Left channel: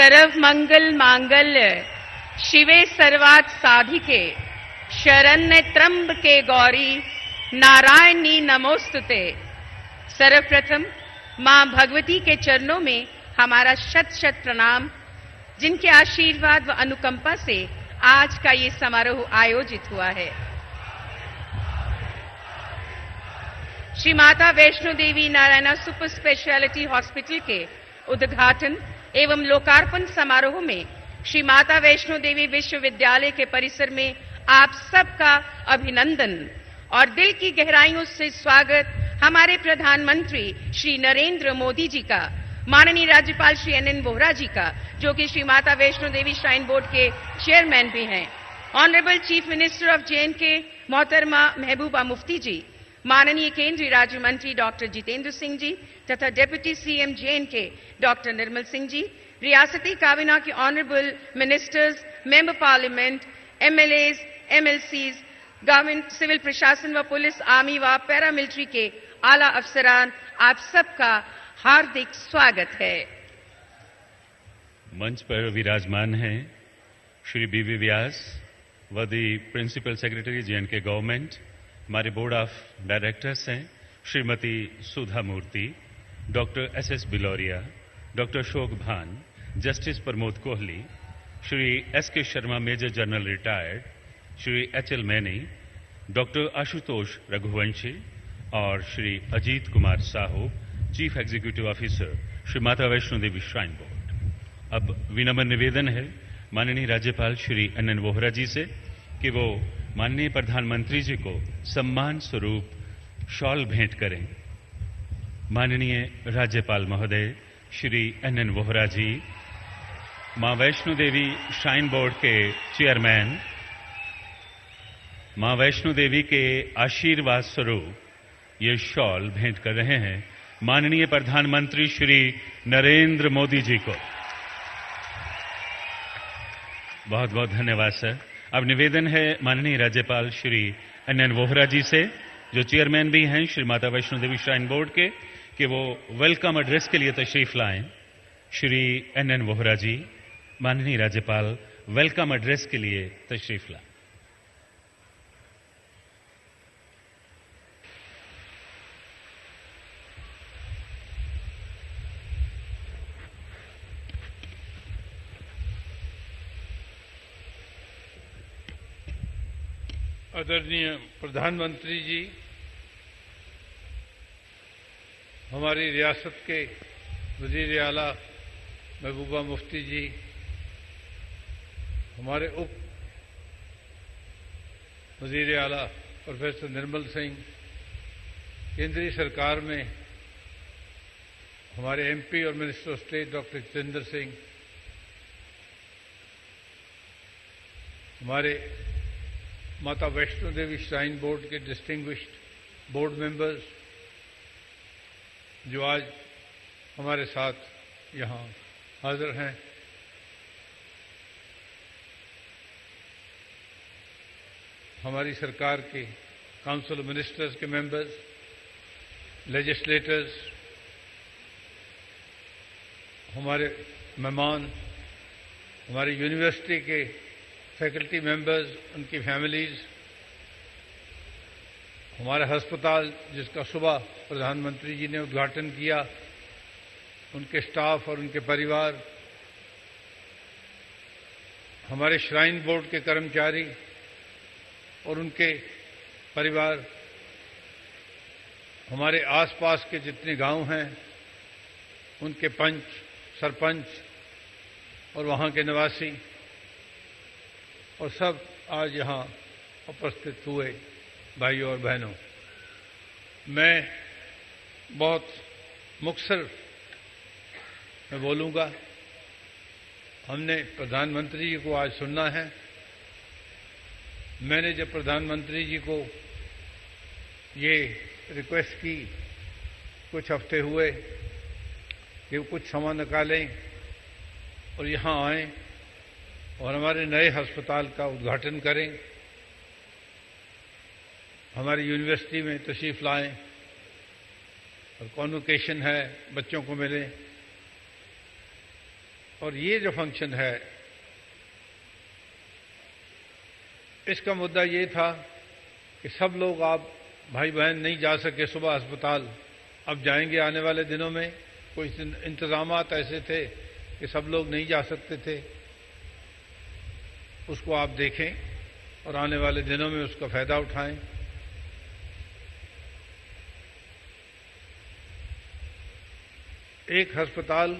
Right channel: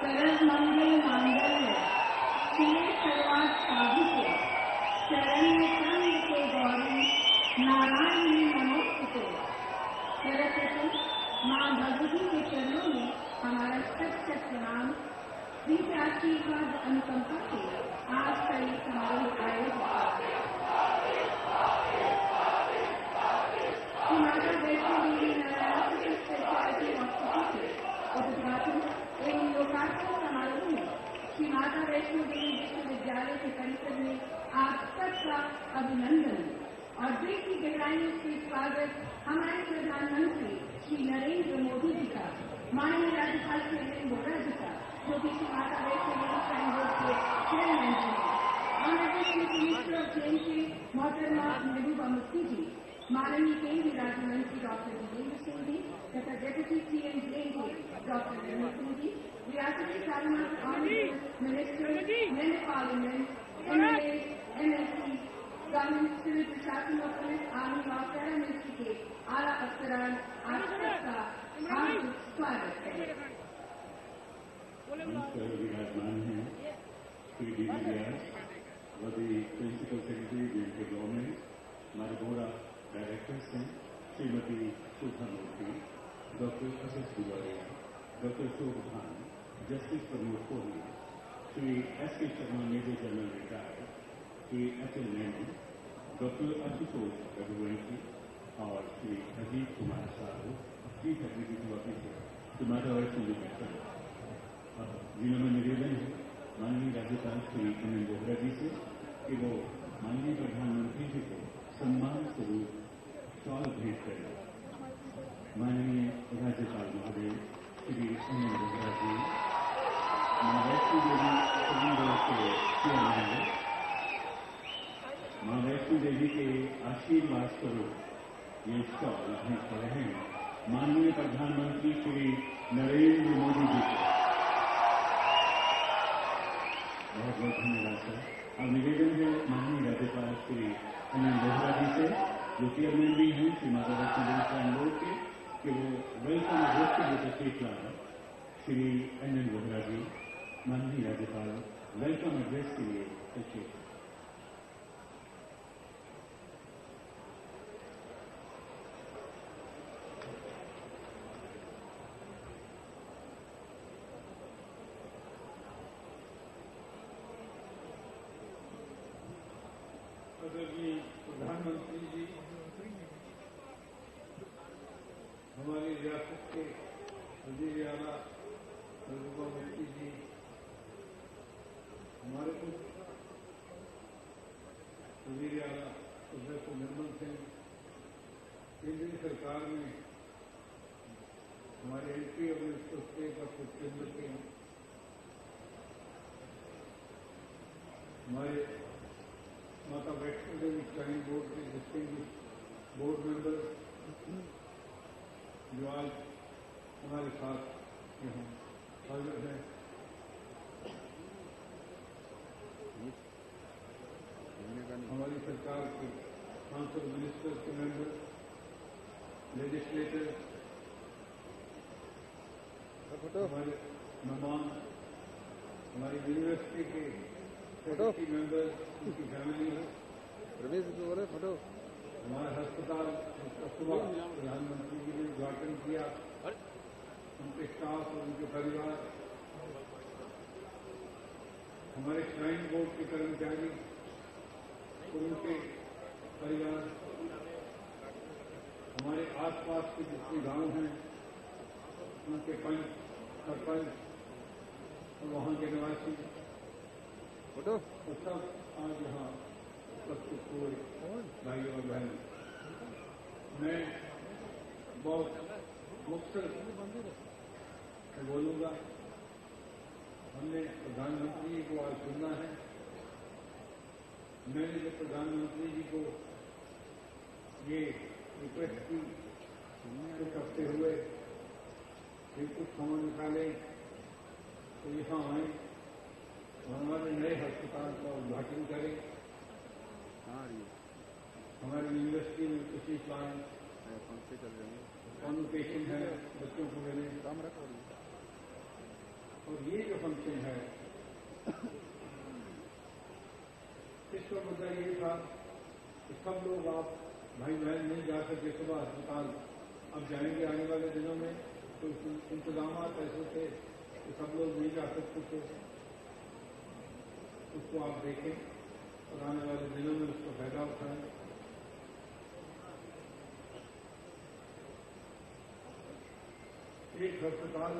सर्व मंगल मांगल्य शिवे सर्वार्थ साधिके शरण्य त्र्यंबके गौरी नारायणी नमोस्तुते। सर्वप्रथम मां भगवती के चरणों में हमारा शत शत प्रणाम, जिनके आशीर्वाद व अनुकंपा से आज का ये समारोह आयोजित हुआ है। Shri Mata Vaishno Devi Narayana super speciality hospital के उद्घाटन एवं लोकार्पण समारोह में श्री माता वैष्णो देवी विश्वविद्यालय के परिसर में आप सबका अभिनंदन और दिल की गहराइयों से स्वागत हमारे प्रधानमंत्री श्री नरेंद्र मोदी जी का, माननीय राज्यपाल श्री NN वोहरा जी का, जो कि श्री माता वैष्णो देवी श्राइन बोर्ड के चेयरमैन भी हैं, honourable chief minister of JNK मोहतरमा महबूबा मुफ्ती जी, माननीय केंद्रीय राज्य मंत्री डॉक्टर जितेंद्र सिंह जी तथा deputy CM JNK doctor Nirmal Singh ji, रियासती काबीना के honourable ministers, member parliament, MLAs, MLCs, government, civil प्रशासन व पुलिस, आर्मी व पैरामिलिट्री के आला अफसरान, आप सबका हार्दिक स्वागत है। मंच पर विराजमान हैं श्री BB व्यास व the principal secretary JNK government, हमारे बोर्ड ऑफ डायरेक्टर्स हैं Shrimati Sudha Murthy, doctor SS Biloria, doctor Ashok Bhan, justice Pramod Kohli, Shri SK Sharma major general retired, Shri HL Maini, doctor Ashutosh Raghuvanshi और Shri Ajit Kumar Sahu, chief executive officer Shri Mata Vaishno देवी श्राइन बोर्ड। अब विनम्र निवेदन है माननीय राज्यपाल श्री NN वोहरा जी से कि वो माननीय प्रधानमंत्री जी को सम्मान स्वरूप शॉल भेंट करें। माननीय राज्यपाल महोदय श्री NN वोहरा जी, मां वैष्णो देवी श्राइन बोर्ड के चेयरमैन, मां वैष्णो देवी के आशीर्वाद स्वरूप ये शॉल भेंट कर रहे हैं माननीय प्रधानमंत्री श्री नरेंद्र मोदी जी को। बहुत बहुत धन्यवाद सर। अब निवेदन है माननीय राज्यपाल श्री NN वोहरा जी से, जो चेयरमैन भी हैं श्री माता वैष्णो देवी श्राइन बोर्ड के, कि वो वेलकम एड्रेस के लिए तशरीफ लाएं। श्री NN वोहरा जी, माननीय राज्यपाल वेलकम एड्रेस के लिए तशरीफ लाएं। आदरणीय प्रधानमंत्री जी, हमारी रियासत के वजीर आला महबूबा मुफ्ती जी, हमारे उप वजीर आला प्रोफेसर निर्मल सिंह, केंद्रीय सरकार में हमारे MP और minister of state doctor Jitendra Singh, हमारे माता वैष्णो देवी श्राइन बोर्ड के डिस्टिंग्विश्ड बोर्ड मेंबर्स जो आज हमारे साथ यहाँ हाजिर हैं, हमारी सरकार के काउंसिल मिनिस्टर्स के मेंबर्स, लेजिस्लेटर्स, हमारे मेहमान, हमारी यूनिवर्सिटी के फैकल्टी मेंबर्स, उनकी फैमिलीज, हमारे अस्पताल जिसका सुबह प्रधानमंत्री जी ने उद्घाटन किया, उनके स्टाफ और उनके परिवार, हमारे श्राइन बोर्ड के कर्मचारी और उनके परिवार, हमारे आसपास के जितने गांव हैं उनके पंच, सरपंच और वहां के निवासी और सब आज यहाँ उपस्थित हुए भाइयों और बहनों, मैं बहुत मुख्तसर में बोलूँगा। हमने प्रधानमंत्री जी को आज सुनना है। मैंने जब प्रधानमंत्री जी को ये रिक्वेस्ट की कुछ हफ्ते हुए कि वो कुछ समय निकालें और यहाँ आएं और हमारे नए अस्पताल का उद्घाटन करें, हमारी यूनिवर्सिटी में तशरीफ लाएं और कॉन्वोकेशन है, बच्चों को मिलें, और ये जो फंक्शन है, इसका मुद्दा ये था कि सब लोग, आप भाई बहन नहीं जा सके सुबह अस्पताल, अब जाएंगे आने वाले दिनों में। कुछ इंतजामात ऐसे थे कि सब लोग नहीं जा सकते थे, उसको आप देखें और आने वाले दिनों में उसका फायदा उठाएं। एक अस्पताल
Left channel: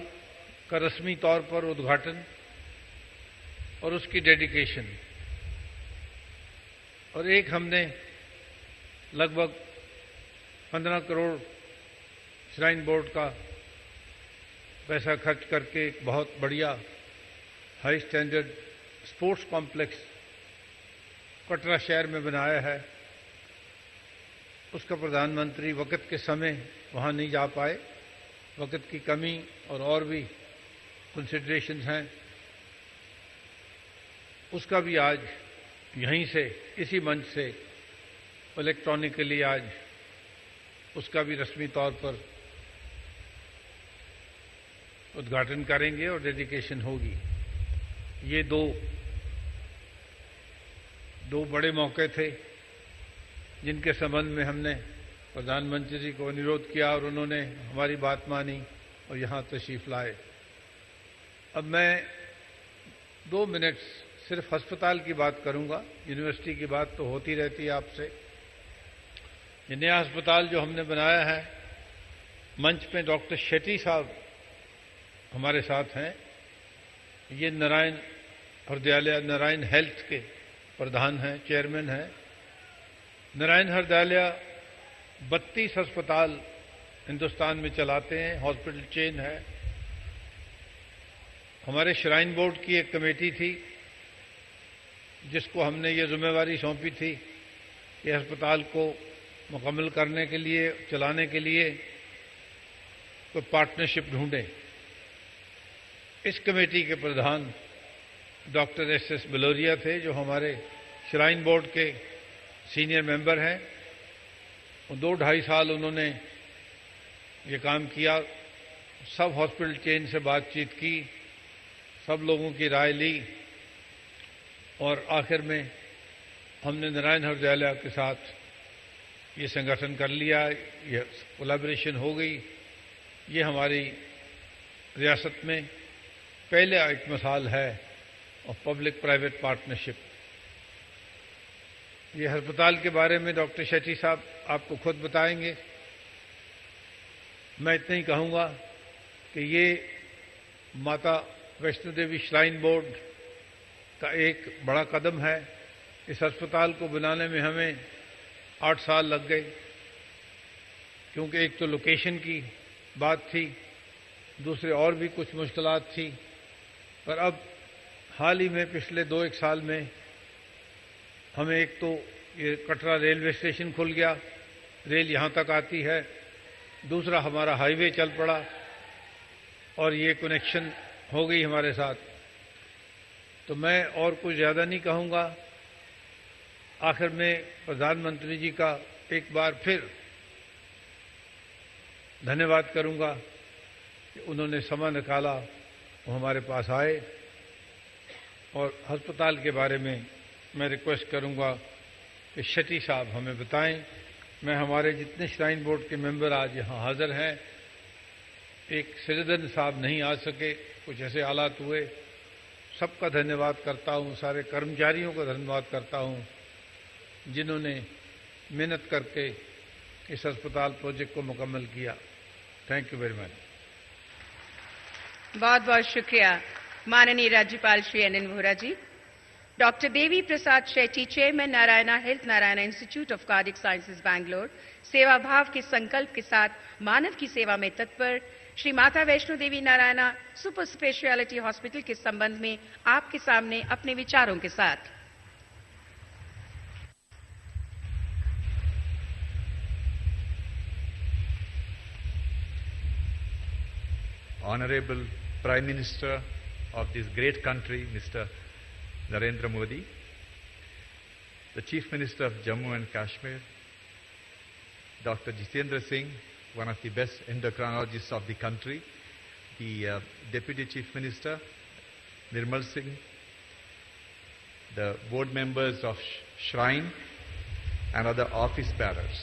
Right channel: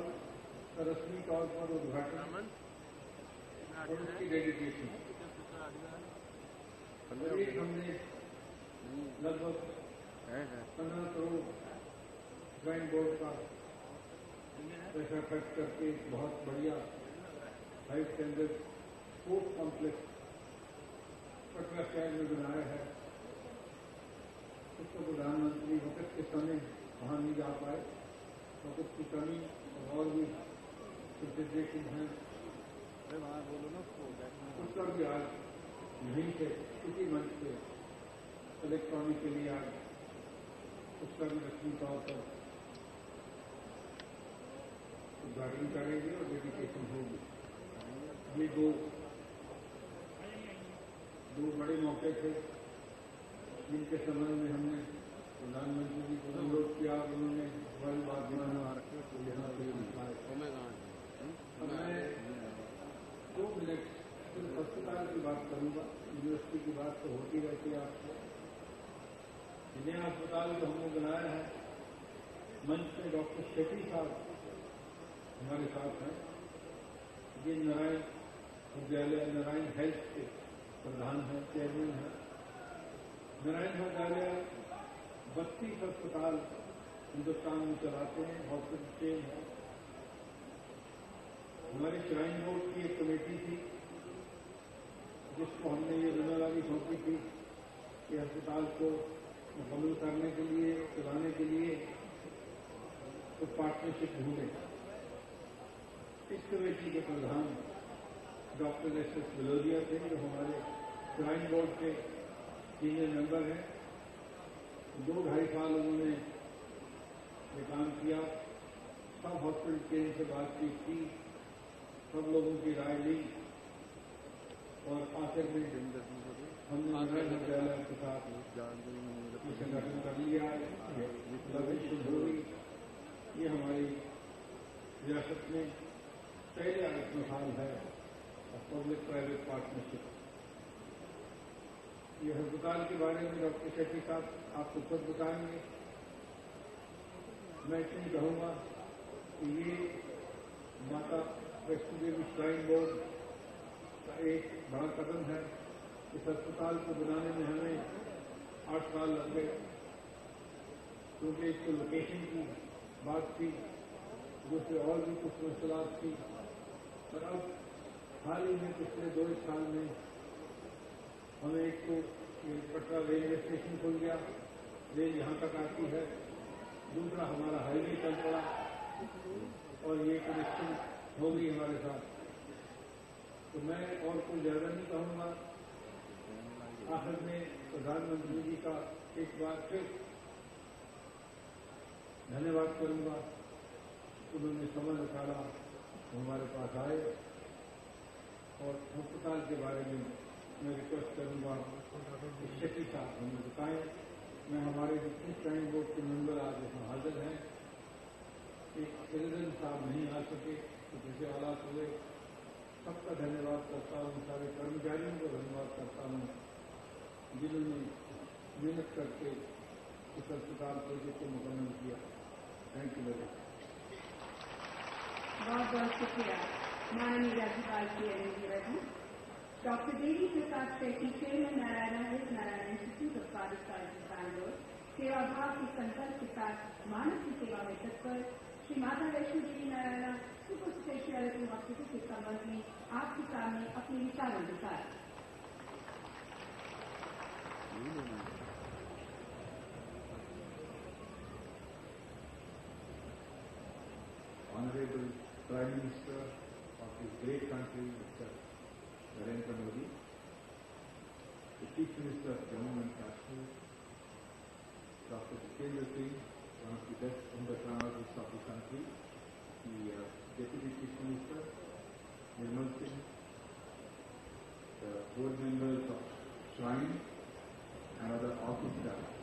का रस्मी तौर पर उद्घाटन और उसकी डेडिकेशन, और एक हमने लगभग 15 करोड़ श्राइन बोर्ड का पैसा खर्च करके एक बहुत बढ़िया high standard sports complex Katra शहर में बनाया है। उसका प्रधानमंत्री वक़्त के समय वहाँ नहीं जा पाए, वक़्त की कमी और भी कंसिडरेशंस हैं। उसका भी आज यहीं से, इसी मंच से इलेक्ट्रॉनिकली आज उसका भी रस्मी तौर पर उद्घाटन करेंगे और डेडिकेशन होगी। ये दो बड़े मौके थे जिनके संबंध में हमने प्रधानमंत्री जी को अनुरोध किया और उन्होंने हमारी बात मानी और यहाँ तशरीफ लाए। अब मैं 2 मिनट सिर्फ अस्पताल की बात करूँगा। यूनिवर्सिटी की बात तो होती रहती है आपसे। ये नया अस्पताल जो हमने बनाया है, मंच में डॉक्टर शेट्टी साहब हमारे साथ हैं। ये नारायण हृदयालय, नारायण हेल्थ के प्रधान हैं, चेयरमैन हैं। नारायण हृदयालय 32 अस्पताल हिंदुस्तान में चलाते हैं, हॉस्पिटल चेन है। हमारे श्राइन बोर्ड की एक कमेटी थी जिसको हमने ये जिम्मेवारी सौंपी थी कि अस्पताल को मुकम्मल करने के लिए, चलाने के लिए कोई पार्टनरशिप ढूंढें। इस कमेटी के प्रधान डॉक्टर एस बलोरिया थे, जो हमारे श्राइन बोर्ड के सीनियर मेंबर हैं। 2-2.5 साल उन्होंने ये काम किया, सब हॉस्पिटल चेन से बातचीत की, सब लोगों की राय ली और आखिर में हमने नारायण हृदयालय के साथ ये संगठन कर लिया, ये कोलैबोरेशन हो गई। ये हमारी रियासत में पहले एक मिसाल है और पब्लिक प्राइवेट पार्टनरशिप। ये अस्पताल के बारे में डॉक्टर शेट्टी साहब आपको खुद बताएंगे। मैं इतना ही कहूँगा कि ये माता वैष्णो देवी श्राइन बोर्ड का एक बड़ा कदम है। इस अस्पताल को बनाने में हमें 8 साल लग गए, क्योंकि एक तो लोकेशन की बात थी, दूसरे और भी कुछ मुश्किलात थी। पर अब हाल ही में पिछले 2-1 साल में हमें एक तो ये कटरा रेलवे स्टेशन खुल गया, रेल यहाँ तक आती है। दूसरा हमारा हाईवे चल पड़ा और ये कनेक्शन हो गई हमारे साथ। तो मैं और कुछ ज़्यादा नहीं कहूँगा। आखिर में प्रधानमंत्री जी का एक बार फिर धन्यवाद करूँगा कि उन्होंने समय निकाला, वो हमारे पास आए। और अस्पताल के बारे में मैं रिक्वेस्ट करूँगा कि शेट्टी साहब हमें बताएं। मैं हमारे जितने श्राइन बोर्ड के मेंबर आज यहाँ हाज़िर हैं, एक सिरदन साहब नहीं आ सके, कुछ ऐसे हालात हुए, सबका धन्यवाद करता हूँ। सारे कर्मचारियों का धन्यवाद करता हूँ जिन्होंने मेहनत करके इस अस्पताल प्रोजेक्ट को मुकम्मल किया। Thank you very much. बहुत बहुत शुक्रिया माननीय राज्यपाल Shri N Vohra ji. Doctor Devi Prasad Shetty, chairman Narayana health Narayana institute of cardiac sciences Bangalore, सेवा भाव के संकल्प के साथ मानव की सेवा में तत्पर Shri Mata Vaishno Devi Narayana super speciality hospital के संबंध में आपके सामने अपने विचारों के साथ। Honorable Prime Minister of this great country, Mr. Narendra Modi, the Chief Minister of Jammu and Kashmir, Dr. Jitendra Singh, one of the best endocrinologists of the country, the Deputy Chief Minister, Nirmal Singh, the board members of Shrine and other office bearers.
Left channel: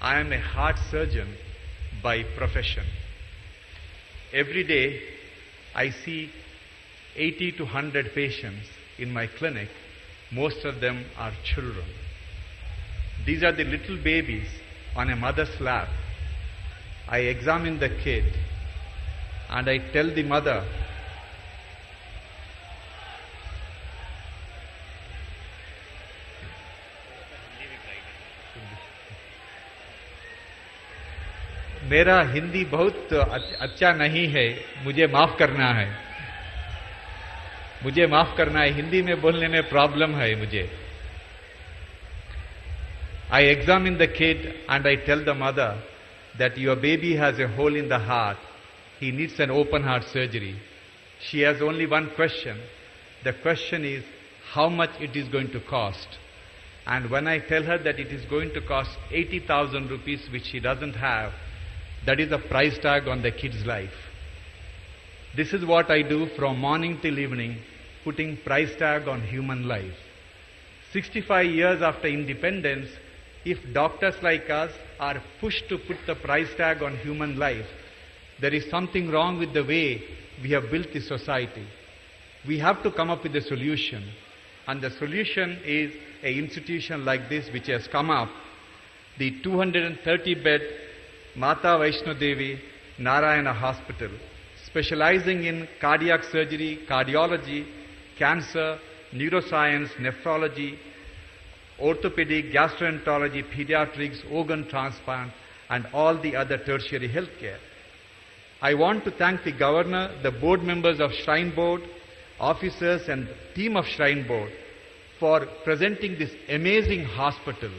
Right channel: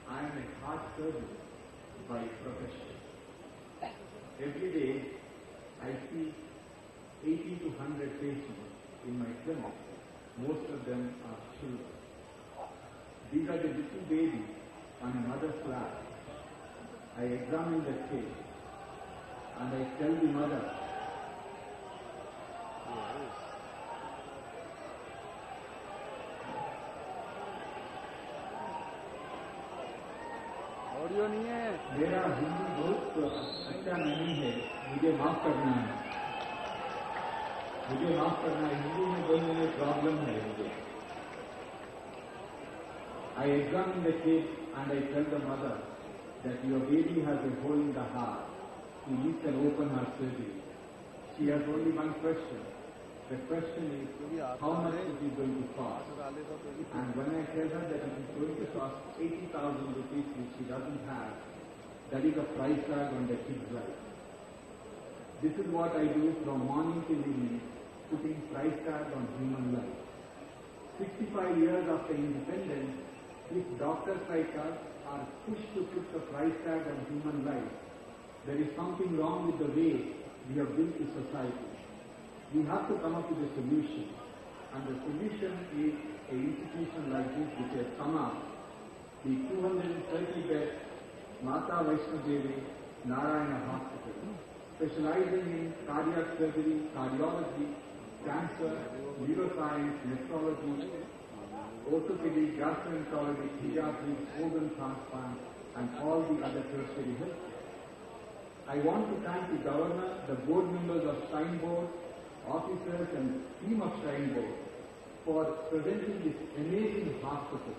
I am a heart surgeon by profession. Every day I see 80 to 100 patients in my clinic. Most of them are children. These are the little babies on a mother's lap. I examine the kid and I tell the mother, मेरा हिंदी बहुत अच्छा नहीं है, मुझे माफ करना है, मुझे माफ करना है, हिंदी में बोलने में प्रॉब्लम है मुझे. I examine the kid and I tell the mother that your baby has a hole in the heart. He needs an open heart surgery. She has only one question. The question is how much it is going to cost. And when I tell her that it is going to cost 80,000 rupees, which she doesn't have, that is the price tag on the kid's life. This is what I do from morning till evening, putting price tag on human life. 65 years after independence, if doctors like us are pushed to put the price tag on human life, there is something wrong with the way we have built the society. We have to come up with a solution. And the solution is an institution like this which has come up, the 230-bed Mata Vaishno Devi Narayana Hospital, specializing in cardiac surgery, cardiology, cancer, neuroscience, nephrology, orthopedic, gastroenterology, pediatrics, organ transplant, and all the other tertiary healthcare. I want to thank the Governor, the board members of Shrine Board, officers and team of Shrine Board for presenting this amazing hospital.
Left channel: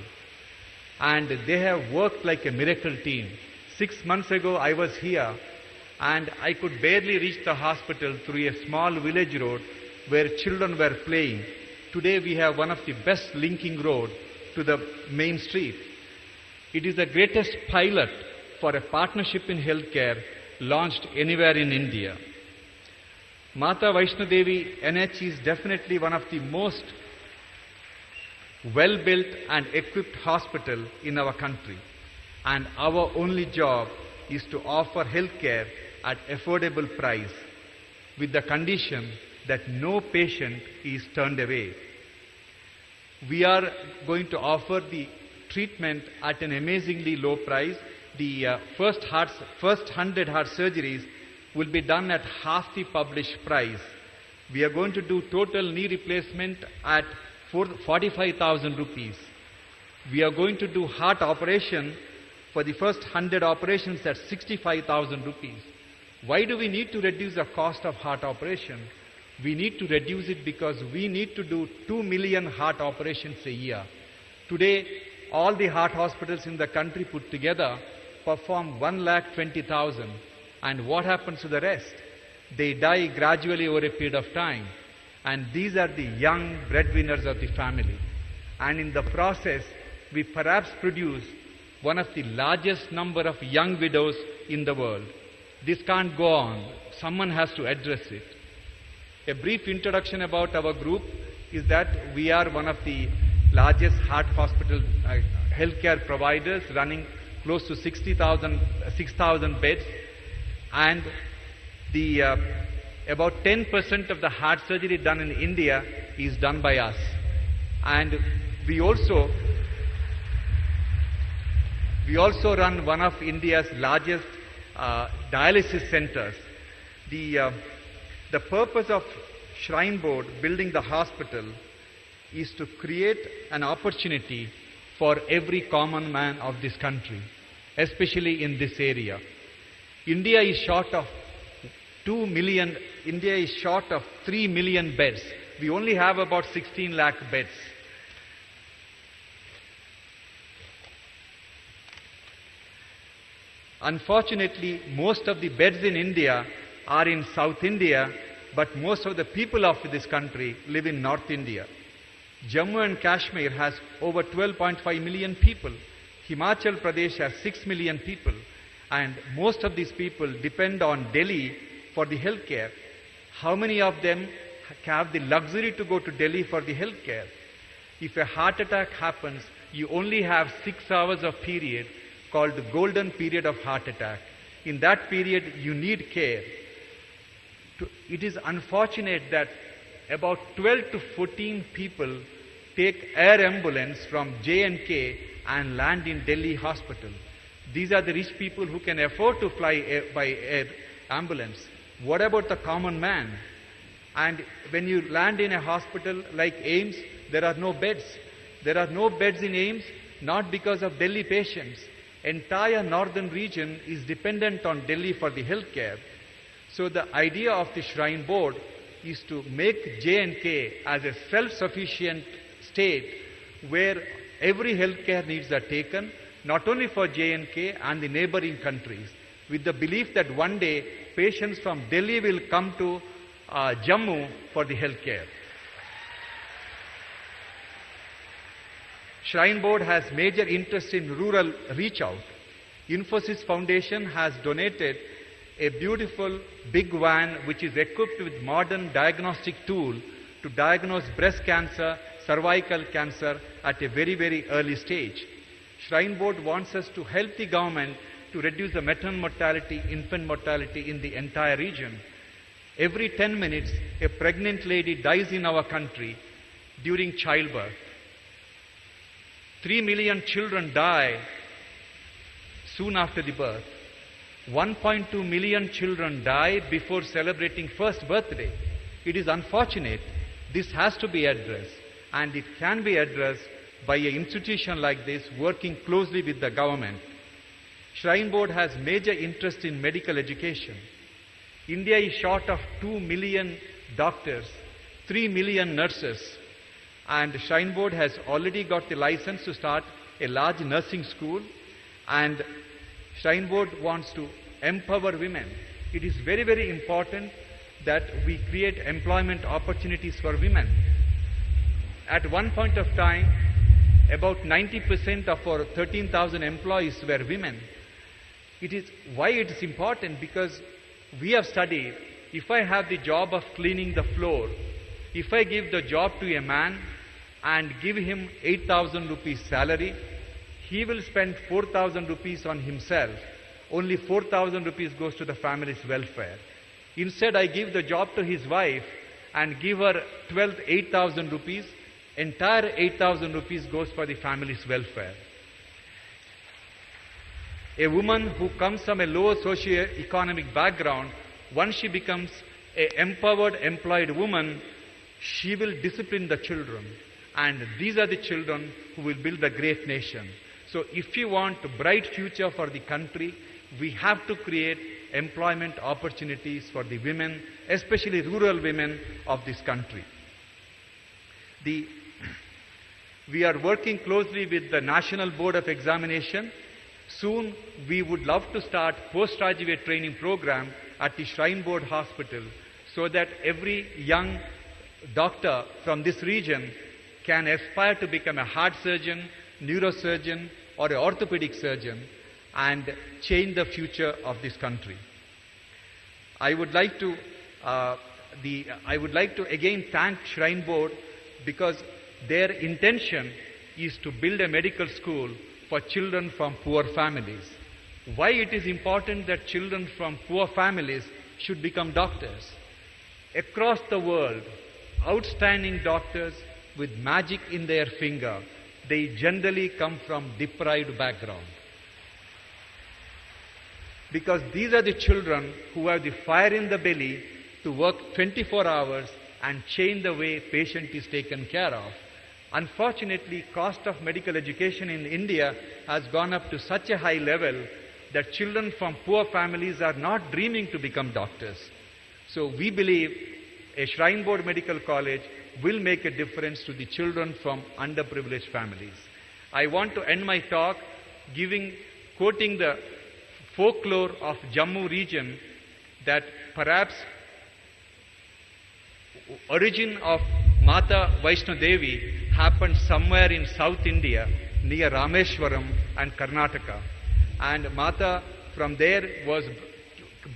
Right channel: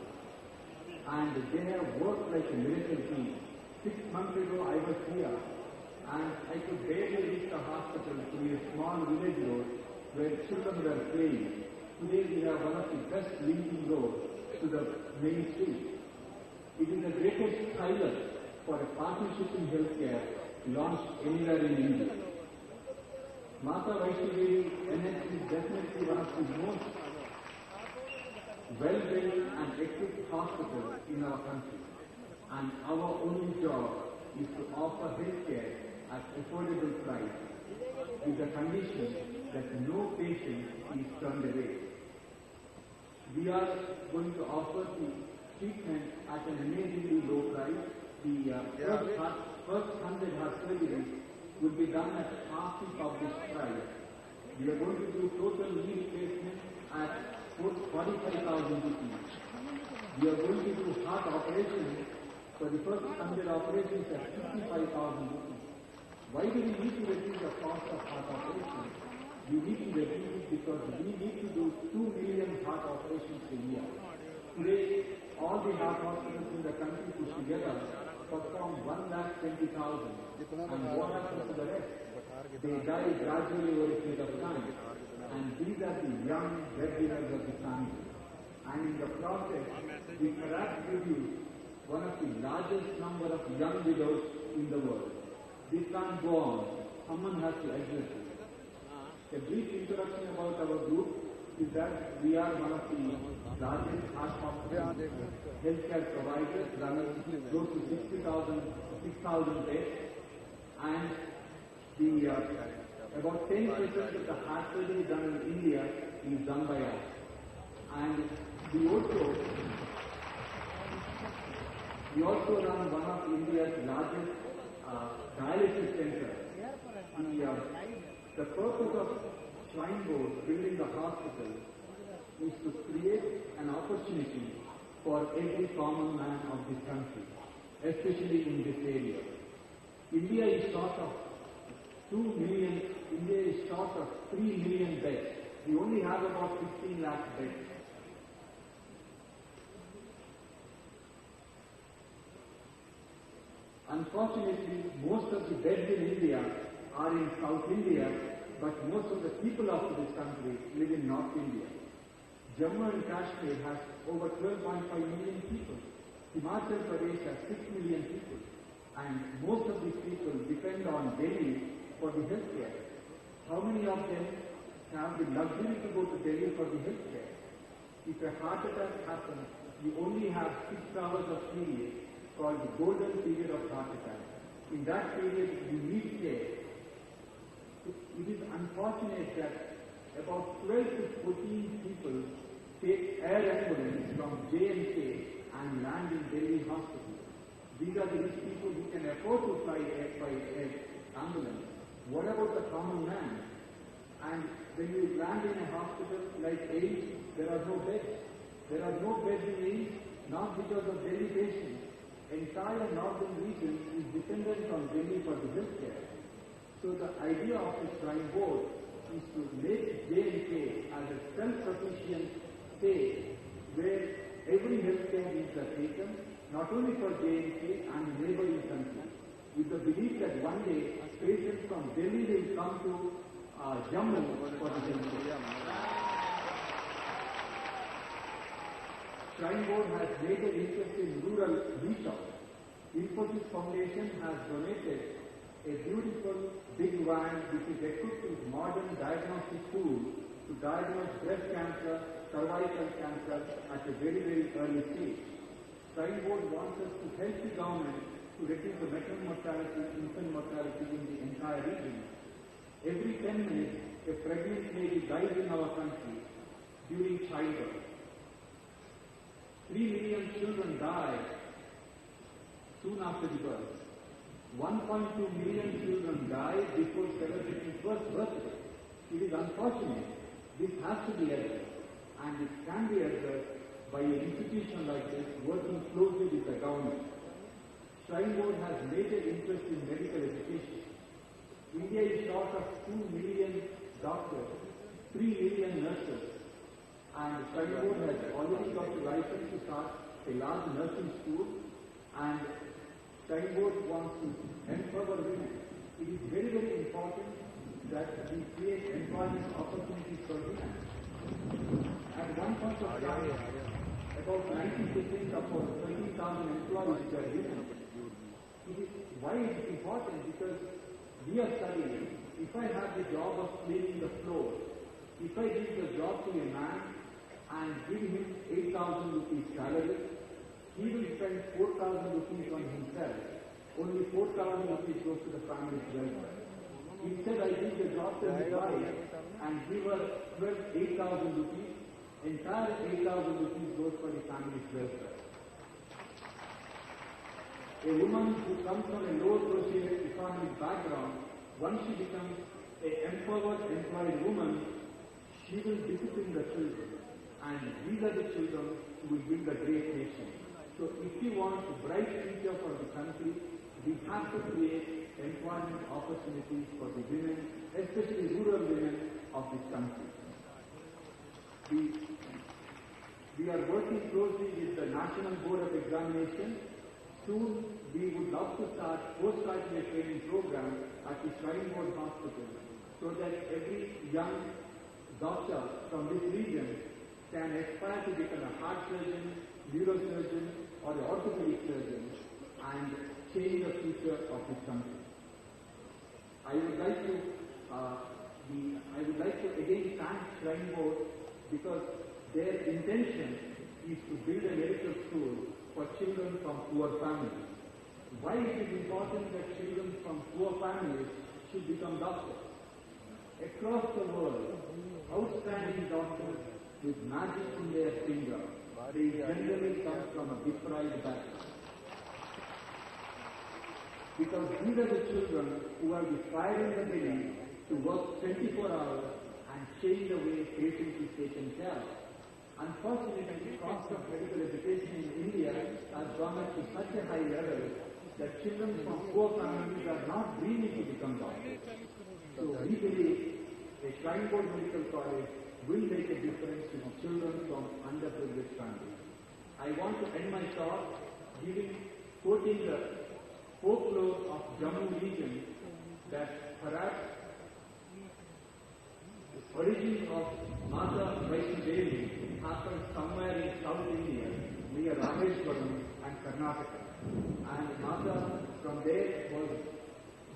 And they have worked like a miracle team. 6 months ago I was here and I could barely reach the hospital through a small village road where children were playing. Today we have one of the best linking road to the main street. It is the greatest pilot for a partnership in healthcare launched anywhere in India. Mata Vaishno Devi NH is definitely one of the most well-built and equipped hospital in our country. And our only job is to offer healthcare at affordable price with the condition that no patient is turned away. We are going to offer the treatment at an amazingly low price. The first 100 heart surgeries will be done at half the published price. We are going to do total knee replacement at 45,000 rupees. We are going to do heart operation for the first 100 operations at 65,000 rupees. Why do we need to reduce the cost of heart operation? We need to reduce it because we need to do 2 million heart operations a year. Today, all the heart hospitals in the country put together perform 1,20,000. And what happens to the rest? They die gradually over a period of time. And these are the young breadwinners of the family. And in the process, we perhaps produce one of the largest number of young widows in the world. This can't go on. Someone has to address it. A brief introduction about our group is that we are one of the largest heart hospital healthcare providers, running close to 6,000 beds, and the about 10% of the heart surgery done in India is done by us. And we also run one of India's largest dialysis centers. The purpose of Shrine Board building the hospital is to create an opportunity for every common man of this country, especially in this area. India is short of 2 million, India is short of 3 million beds. We only have about 16 lakh beds. Unfortunately, most of the beds in India are in South India, but most of the people of this country live in North India. Jammu and Kashmir has over 12.5 million people. Himachal Pradesh has 6 million people. and most of these people depend on Delhi for the healthcare. How many of them have the luxury to go to Delhi for the healthcare? If a heart attack happens, you only have 6 hours of period called the golden period of heart attack. In that period, you need care. It is unfortunate that about 12 to 14 people take air ambulance from J&K and land in Delhi hospital. These are the rich people who can afford to fly by air ambulance. What about the common man? And when you land in a hospital like AIIMS, there are no beds. There are no beds in AIIMS, not because of Delhi patients. Entire northern region is dependent on Delhi for the healthcare. So the idea of the Shrine Board is to make J&K as a self-sufficient state where every healthcare needs are taken, not only for J&K and the neighboring countries, with the belief that one day patients from Delhi will come to Jammu for the healthcare. Shrine Board has major interest in rural reach out. Infosys Foundation has donated a beautiful big van which is equipped with modern diagnostic tool to diagnose breast cancer, cervical cancer at a very, very early stage. Shrine Board wants us to help the government to reduce the maternal mortality, infant mortality in the entire region. Every 10 minutes, a pregnant lady dies in our country during childbirth. 3 million children die soon after the birth. 1.2 million children die before celebrating first birthday. It is unfortunate. This has to be addressed, and it can be addressed by an institution like this working closely with the government. Shrine Board has major interest in medical education. India is short of 2 million doctors, 3 million nurses, and Shrine Board has already got the license to start a large nursing school, and Shrine Board wants to empower women. It is very, very important that we create employment opportunities for women. At one point of time, about 90% of our 13,000 employees were women. Why it is important? Because we have studied, if I have the job of cleaning the floor, if I give the job to a man and give him 8,000 rupees salary, he will spend 4,000 rupees on himself. Only 4,000 rupees goes to the family's welfare. Instead, I give the job to his wife and give her 8,000 rupees. Entire 8,000 rupees goes for the family's welfare. A woman who comes from a low socio-economic background, once she becomes an empowered, employed woman, she will discipline the children. And these are the children who will build a great nation. So if you want a bright future for the country, we have to create employment opportunities for the women, especially rural women of this country. We are working closely with the National Board of Examination. Soon we would love to start postgraduate training program at the Shrine Board Hospital so that every young doctor from this region can aspire to become a heart surgeon, neurosurgeon, or an orthopedic surgeon and change the future of this country. I would like to again thank Shrine Board because their intention is to build a medical school for children from poor families. Why it is important that children from poor families should become doctors? Across the world, outstanding doctors with magic in their finger, they generally come from deprived background. Because these are the children who have the fire in the belly to work 24 hours and change the way patient is taken care of. Unfortunately, cost of medical education in India has gone up to such a high level that children from poor families are not dreaming to become doctors. So we believe a Shrine Board Medical College will make a difference to the children from underprivileged families. I want to end my talk quoting the folklore of Jammu region that perhaps origin of Mata Vaishno Devi happened somewhere in South India near Rameshwaram and Karnataka. And Mata from there was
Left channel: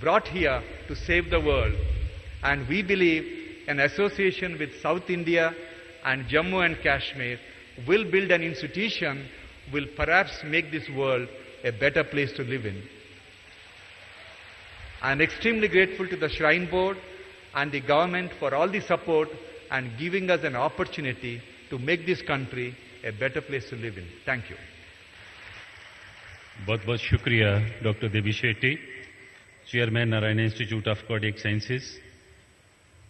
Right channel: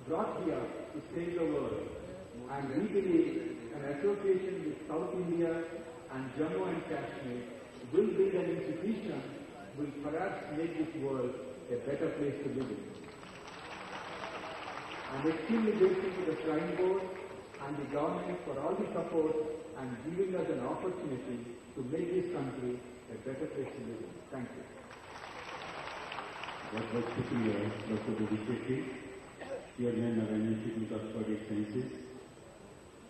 brought here to save the world. And we believe an association with South India and Jammu and Kashmir will build an institution, will perhaps make this world a better place to live in. I am extremely grateful to the Shrine Board and the government for all the support and giving us an opportunity to make this country a better place to live in. Thank you. बहुत बहुत शुक्रिया doctor Devi Shetty, chairman Narayan institute of cardiac sciences.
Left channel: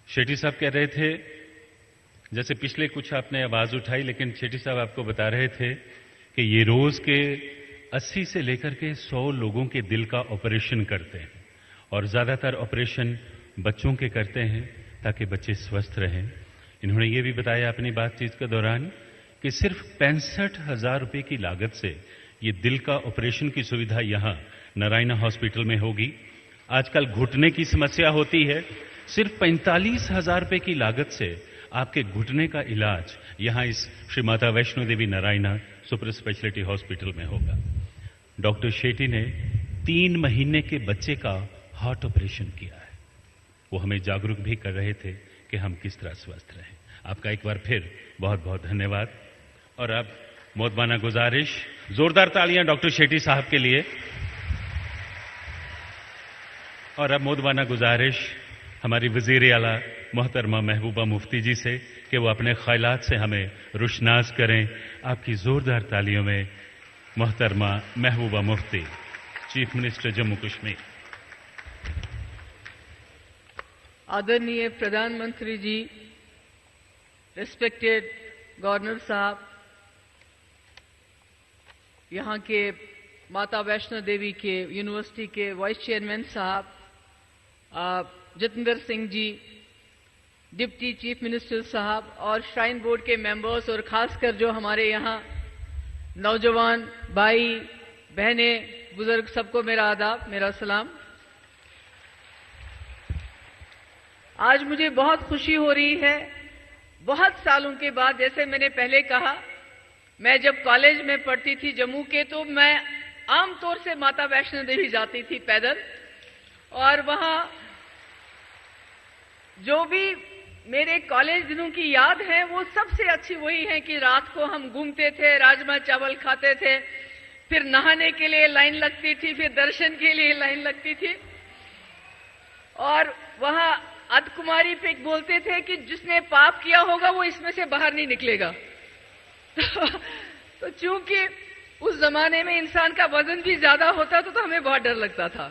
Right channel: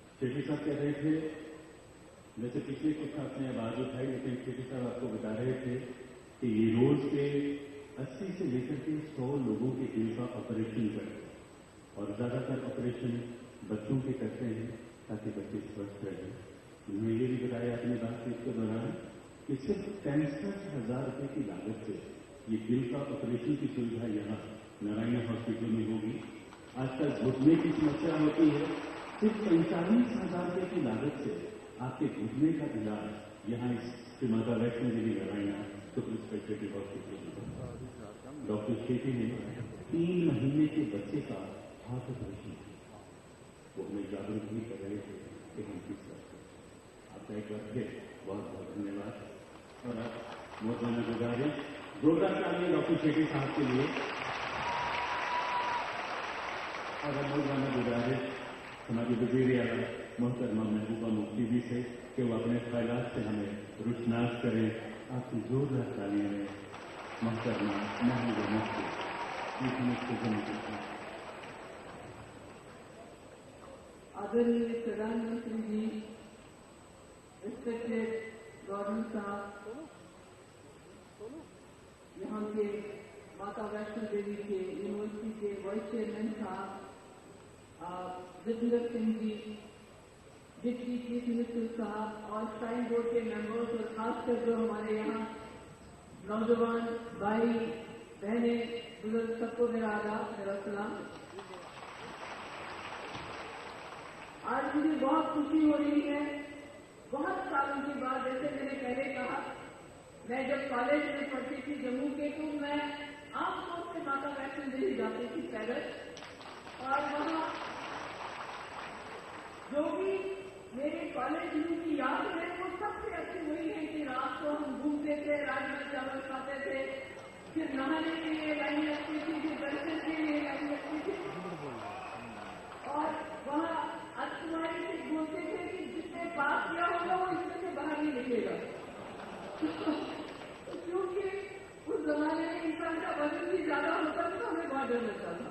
Shetty साहब कह रहे थे, जैसे पिछले कुछ आपने आवाज उठाई, लेकिन शेट्टी साहब आपको बता रहे थे कि ये रोज के 80 से लेकर के 100 लोगों के दिल का ऑपरेशन करते हैं और ज्यादातर ऑपरेशन बच्चों के करते हैं ताकि बच्चे स्वस्थ रहें। इन्होंने ये भी बताया अपनी बातचीत के दौरान कि सिर्फ 65,000 रुपए की लागत से ये दिल का ऑपरेशन की सुविधा यहां नारायण हॉस्पिटल में होगी। आजकल घुटने की समस्या होती है, सिर्फ 45,000 रुपए की लागत से आपके घुटने का इलाज यहां इस श्री माता वैष्णो देवी नारायण सुपर स्पेशलिटी हॉस्पिटल में होगा। डॉक्टर शेट्टी ने 3 महीने के बच्चे का हार्ट ऑपरेशन किया है। वो हमें जागरूक भी कर रहे थे कि हम किस तरह स्वस्थ रहें। आपका एक बार फिर बहुत बहुत धन्यवाद। और अब मोदबाना गुजारिश, जोरदार तालियां डॉक्टर शेट्टी साहब के लिए। और अब मोदबाना गुजारिश हमारी वजीर आला मोहतरमा महबूबा मुफ्ती जी से कि वो अपने ख्यालात से हमें रुशनास करें। आपकी जोरदार तालियों में मोहतरमा महबूबा मुफ्ती, चीफ मिनिस्टर जम्मू कश्मीर। आदरणीय प्रधानमंत्री जी, रिस्पेक्टेड गवर्नर साहब, यहाँ के माता वैष्णो देवी के यूनिवर्सिटी के वाइस चेयरमैन साहब, जितेंद्र सिंह जी, डिप्टी चीफ मिनिस्टर साहब और श्राइन बोर्ड के मेंबर्स, और खासकर जो हमारे यहाँ नौजवान भाई बहनें बुजुर्ग, सबको मेरा आदाब, मेरा सलाम। आज मुझे बहुत खुशी हो रही है, बहुत सालों के बाद। जैसे मैंने पहले कहा, मैं जब कॉलेज में पढ़ती थी जम्मू के, तो मैं आमतौर से माता वैष्णो देवी जाती थी पैदल, और वहां जो भी मेरे कॉलेज दिनों की याद है वो सबसे अच्छी वही है कि रात को हम घूमते थे, राजमा चावल खाते थे, फिर नहाने के लिए लाइन लगती थी, फिर दर्शन के लिए लाइन लगती थी, और वहां अर्धकुमारी पे बोलते थे कि जिसने पाप किया होगा वो इसमें से बाहर नहीं निकलेगा। तो चूंकि उस जमाने में इंसान का वजन भी ज्यादा होता था तो हमें बहुत डर लगता था।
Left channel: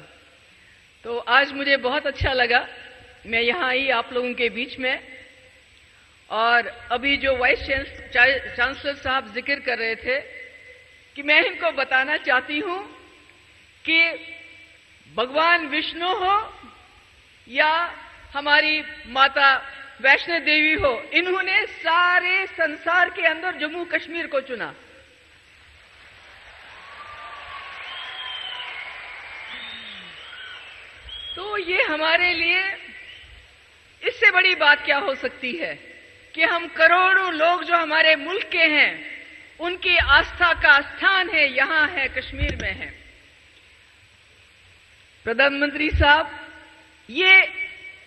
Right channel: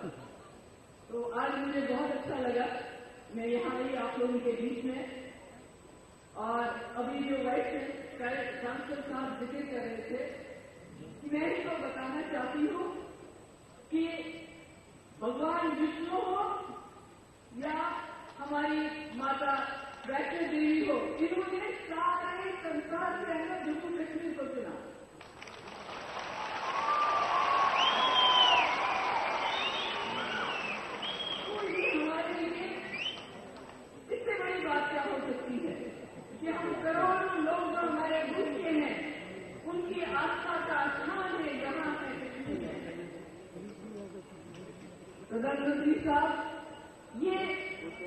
तो आज मुझे बहुत अच्छा लगा, मैं यहाँ आई आप लोगों के बीच में। और अभी जो वाइस चांसलर साहब जिक्र कर रहे थे कि मैं इनको बताना चाहती हूँ कि भगवान विष्णु हो या हमारी माता वैष्णो देवी हो, इन्होंने सारे संसार के अंदर जम्मू कश्मीर को चुना। तो ये हमारे लिए इससे बड़ी बात क्या हो सकती है कि हम करोड़ों लोग जो हमारे मुल्क के हैं, उनकी आस्था का स्थान है, यहां है, कश्मीर में है। प्रधानमंत्री साहब, ये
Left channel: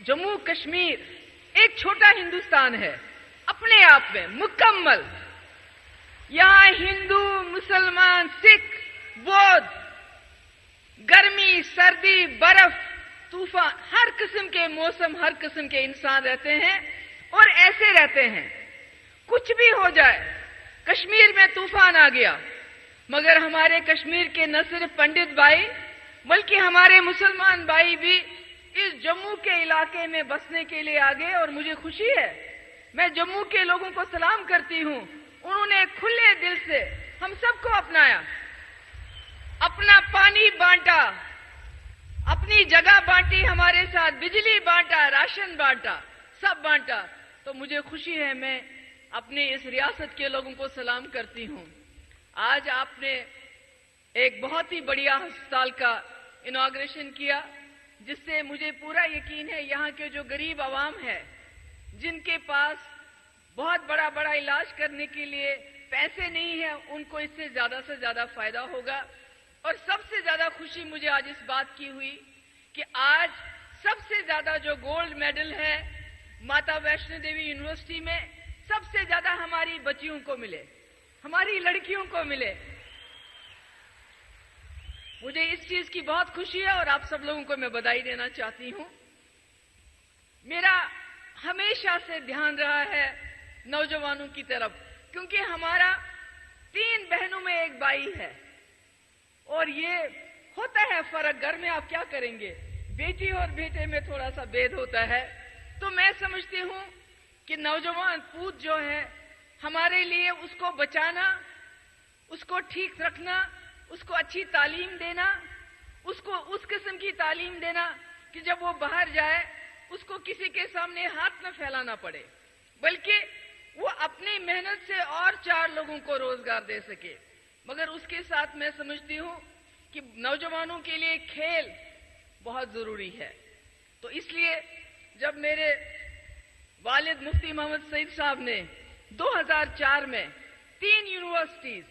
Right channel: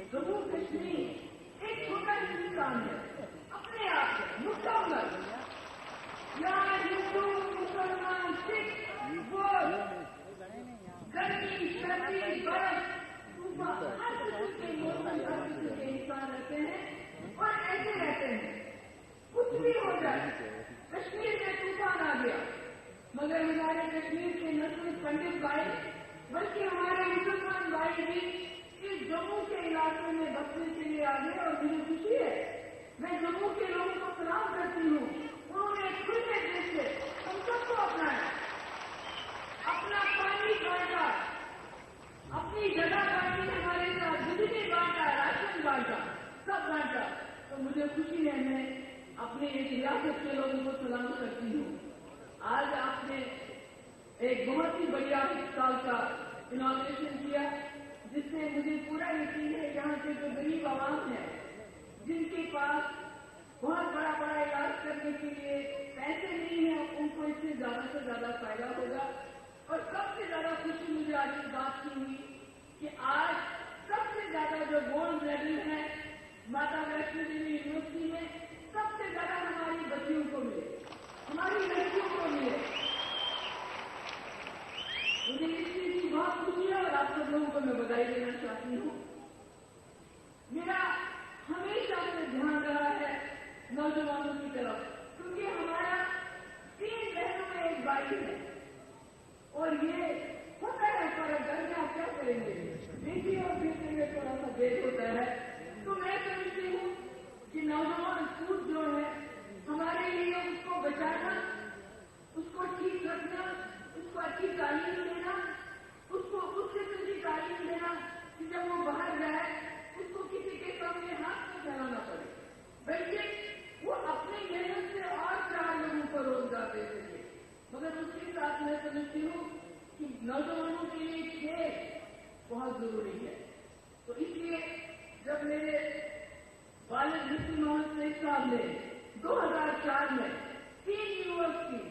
जम्मू कश्मीर एक छोटा हिंदुस्तान है अपने आप में मुकम्मल। यहां हिंदू, मुसलमान, सिख, बौद्ध, गर्मी, सर्दी, बर्फ, तूफान, हर किस्म के मौसम, हर किस्म के इंसान रहते हैं और ऐसे रहते हैं। कुछ भी हो जाए, कश्मीर में तूफान आ गया, मगर हमारे कश्मीर के न सिर्फ पंडित भाई बल्कि हमारे मुसलमान भाई भी इस जम्मू के इलाके में बसने के लिए आ गए। और मुझे खुशी है, मैं जम्मू के लोगों को सलाम करती हूं, उन्होंने खुले दिल से हम सबको अपनाया, अपना पानी बांटा, अपनी जगह बांटी, हमारे साथ बिजली बांटा, राशन बांटा, सब बांटा। तो मुझे खुशी है, मैं अपने इस रियासत के लोगों को सलाम करती हूं। आज आपने एक बहुत ही बढ़िया अस्पताल का इनॉग्रेशन किया, जिससे मुझे पूरा यकीन है यहाँ के जो गरीब आवाम है, जिनके पास बहुत बड़ा बड़ा इलाज करने के लिए पैसे नहीं है, उनको इससे ज्यादा से ज्यादा फायदा होगा। और सबसे ज्यादा खुशी मुझे आज इस बात की हुई कि आज सबसे ज्यादा जो गोल्ड मेडल है माता वैष्णो देवी यूनिवर्सिटी में, सबसे ज्यादा हमारी बच्चियों को मिले, हमारी लड़कियों को मिले। मुझे इस चीज की बहुत खुशी है और आप सब लोगों को मैं बधाई देना चाहती हूं। मेरा हमेशा से ध्यान रहा है नौजवानों की तरफ, क्योंकि हमारा 3 बहनों में एक भाई है और ये होता है फर्क, घर में आप क्या करेंगे, बेटी और बेटे में थोड़ा सा भेद होता है। तो मैं समझती हूं कि नौजवान पूत जो है हमारे लिए, उसको बचाना, उसको ठीक रखना, उसको अच्छी तालीम देना, उसको उस किस्म की तालीम देना कि जब वो बाहर जाए उसको किसी के सामने हाथ न फैलाना पड़े, बल्कि वो अपनी मेहनत से और 4 लोगों को रोजगार दे सके। मगर उसके साथ मैं समझती हूं कि नौजवानों के लिए खेल बहुत जरूरी है। तो इसलिए जब मेरे वालिद मुफ्ती मोहम्मद सईद साहब ने 2004 में 3 यूनिवर्सिटीज,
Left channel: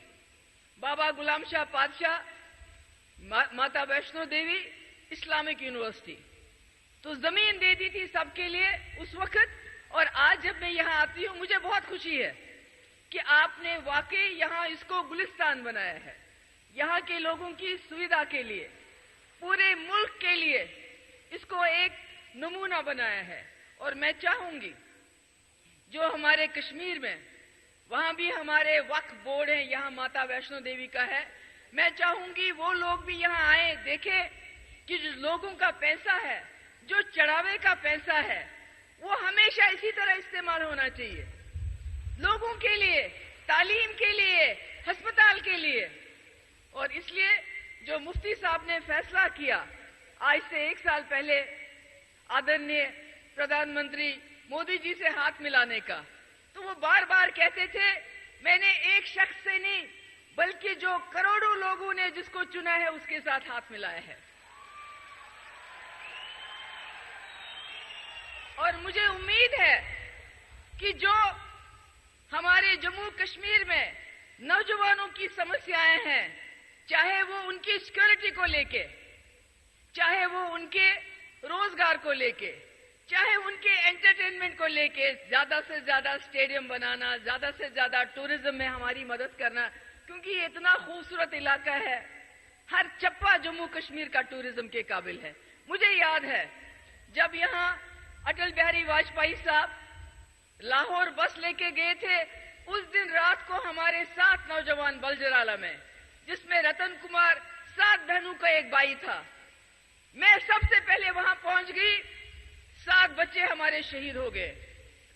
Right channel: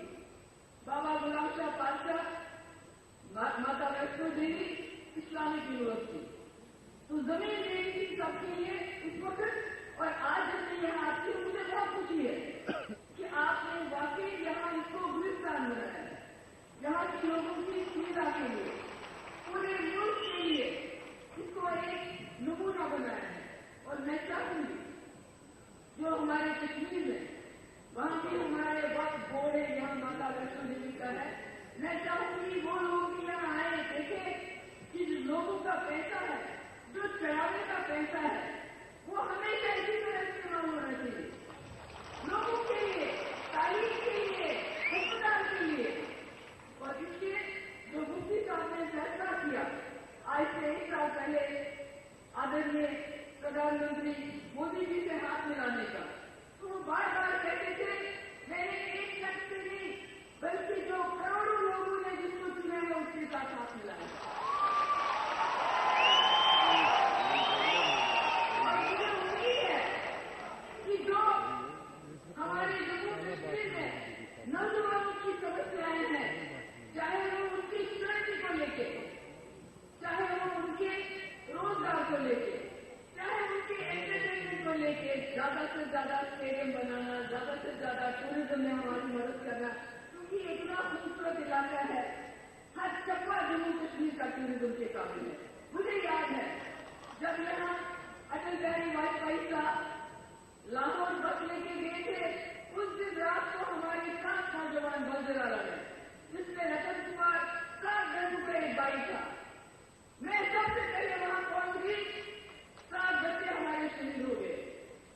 बाबा गुलाम शाह बादशाह, माता वैष्णो देवी, इस्लामिक यूनिवर्सिटी, तो जमीन दे दी थी सबके लिए उस वक्त। और आज जब मैं यहाँ आती हूँ मुझे बहुत खुशी है कि आपने वाकई यहाँ इसको गुलिस्तान बनाया है, यहाँ के लोगों की सुविधा के लिए, पूरे मुल्क के लिए इसको एक नमूना बनाया है। और मैं चाहूंगी जो हमारे कश्मीर में, वहां भी हमारे वक्फ बोर्ड है, यहाँ माता वैष्णो देवी का है, मैं चाहूंगी वो लोग भी यहाँ आए, देखें कि जो लोगों का पैसा है, जो चढ़ावे का पैसा है, वो हमेशा इसी तरह इस्तेमाल होना चाहिए, लोगों के लिए, तालीम के लिए, अस्पताल के लिए। और इसलिए जो मुफ्ती साहब ने फैसला किया आज से 1 साल पहले आदरणीय प्रधानमंत्री मोदी जी से हाथ मिलाने का, तो वो बार बार कहते थे मैंने एक शख्स से नहीं बल्कि जो करोड़ों लोगों ने जिसको चुना है उसके साथ हाथ मिलाए हैं। और मुझे उम्मीद है कि जो हमारे जम्मू कश्मीर में नौजवानों की समस्याएं हैं, चाहे वो उनकी सिक्योरिटी को लेके, चाहे वो उनके रोजगार को लेके, चाहे उनके एंटरटेनमेंट को लेके, ज्यादा से ज्यादा स्टेडियम बनाना, ज्यादा से ज्यादा टूरिज्म में हमारी मदद करना, क्योंकि ये इतना खूबसूरत इलाका है, हर चप्पा जम्मू कश्मीर का टूरिज्म के काबिल है। मुझे याद है जब यहाँ अटल बिहारी वाजपेयी साहब लाहौर बस लेके गए थे, उस दिन रात को हमारे 7 नौजवान बलजराला में, जिसमें रतन कुमार 7 बहनों का एक भाई था, मैं सबसे पहले वहां पहुंच गई, 7 बच्चे हमारे शहीद हो गए।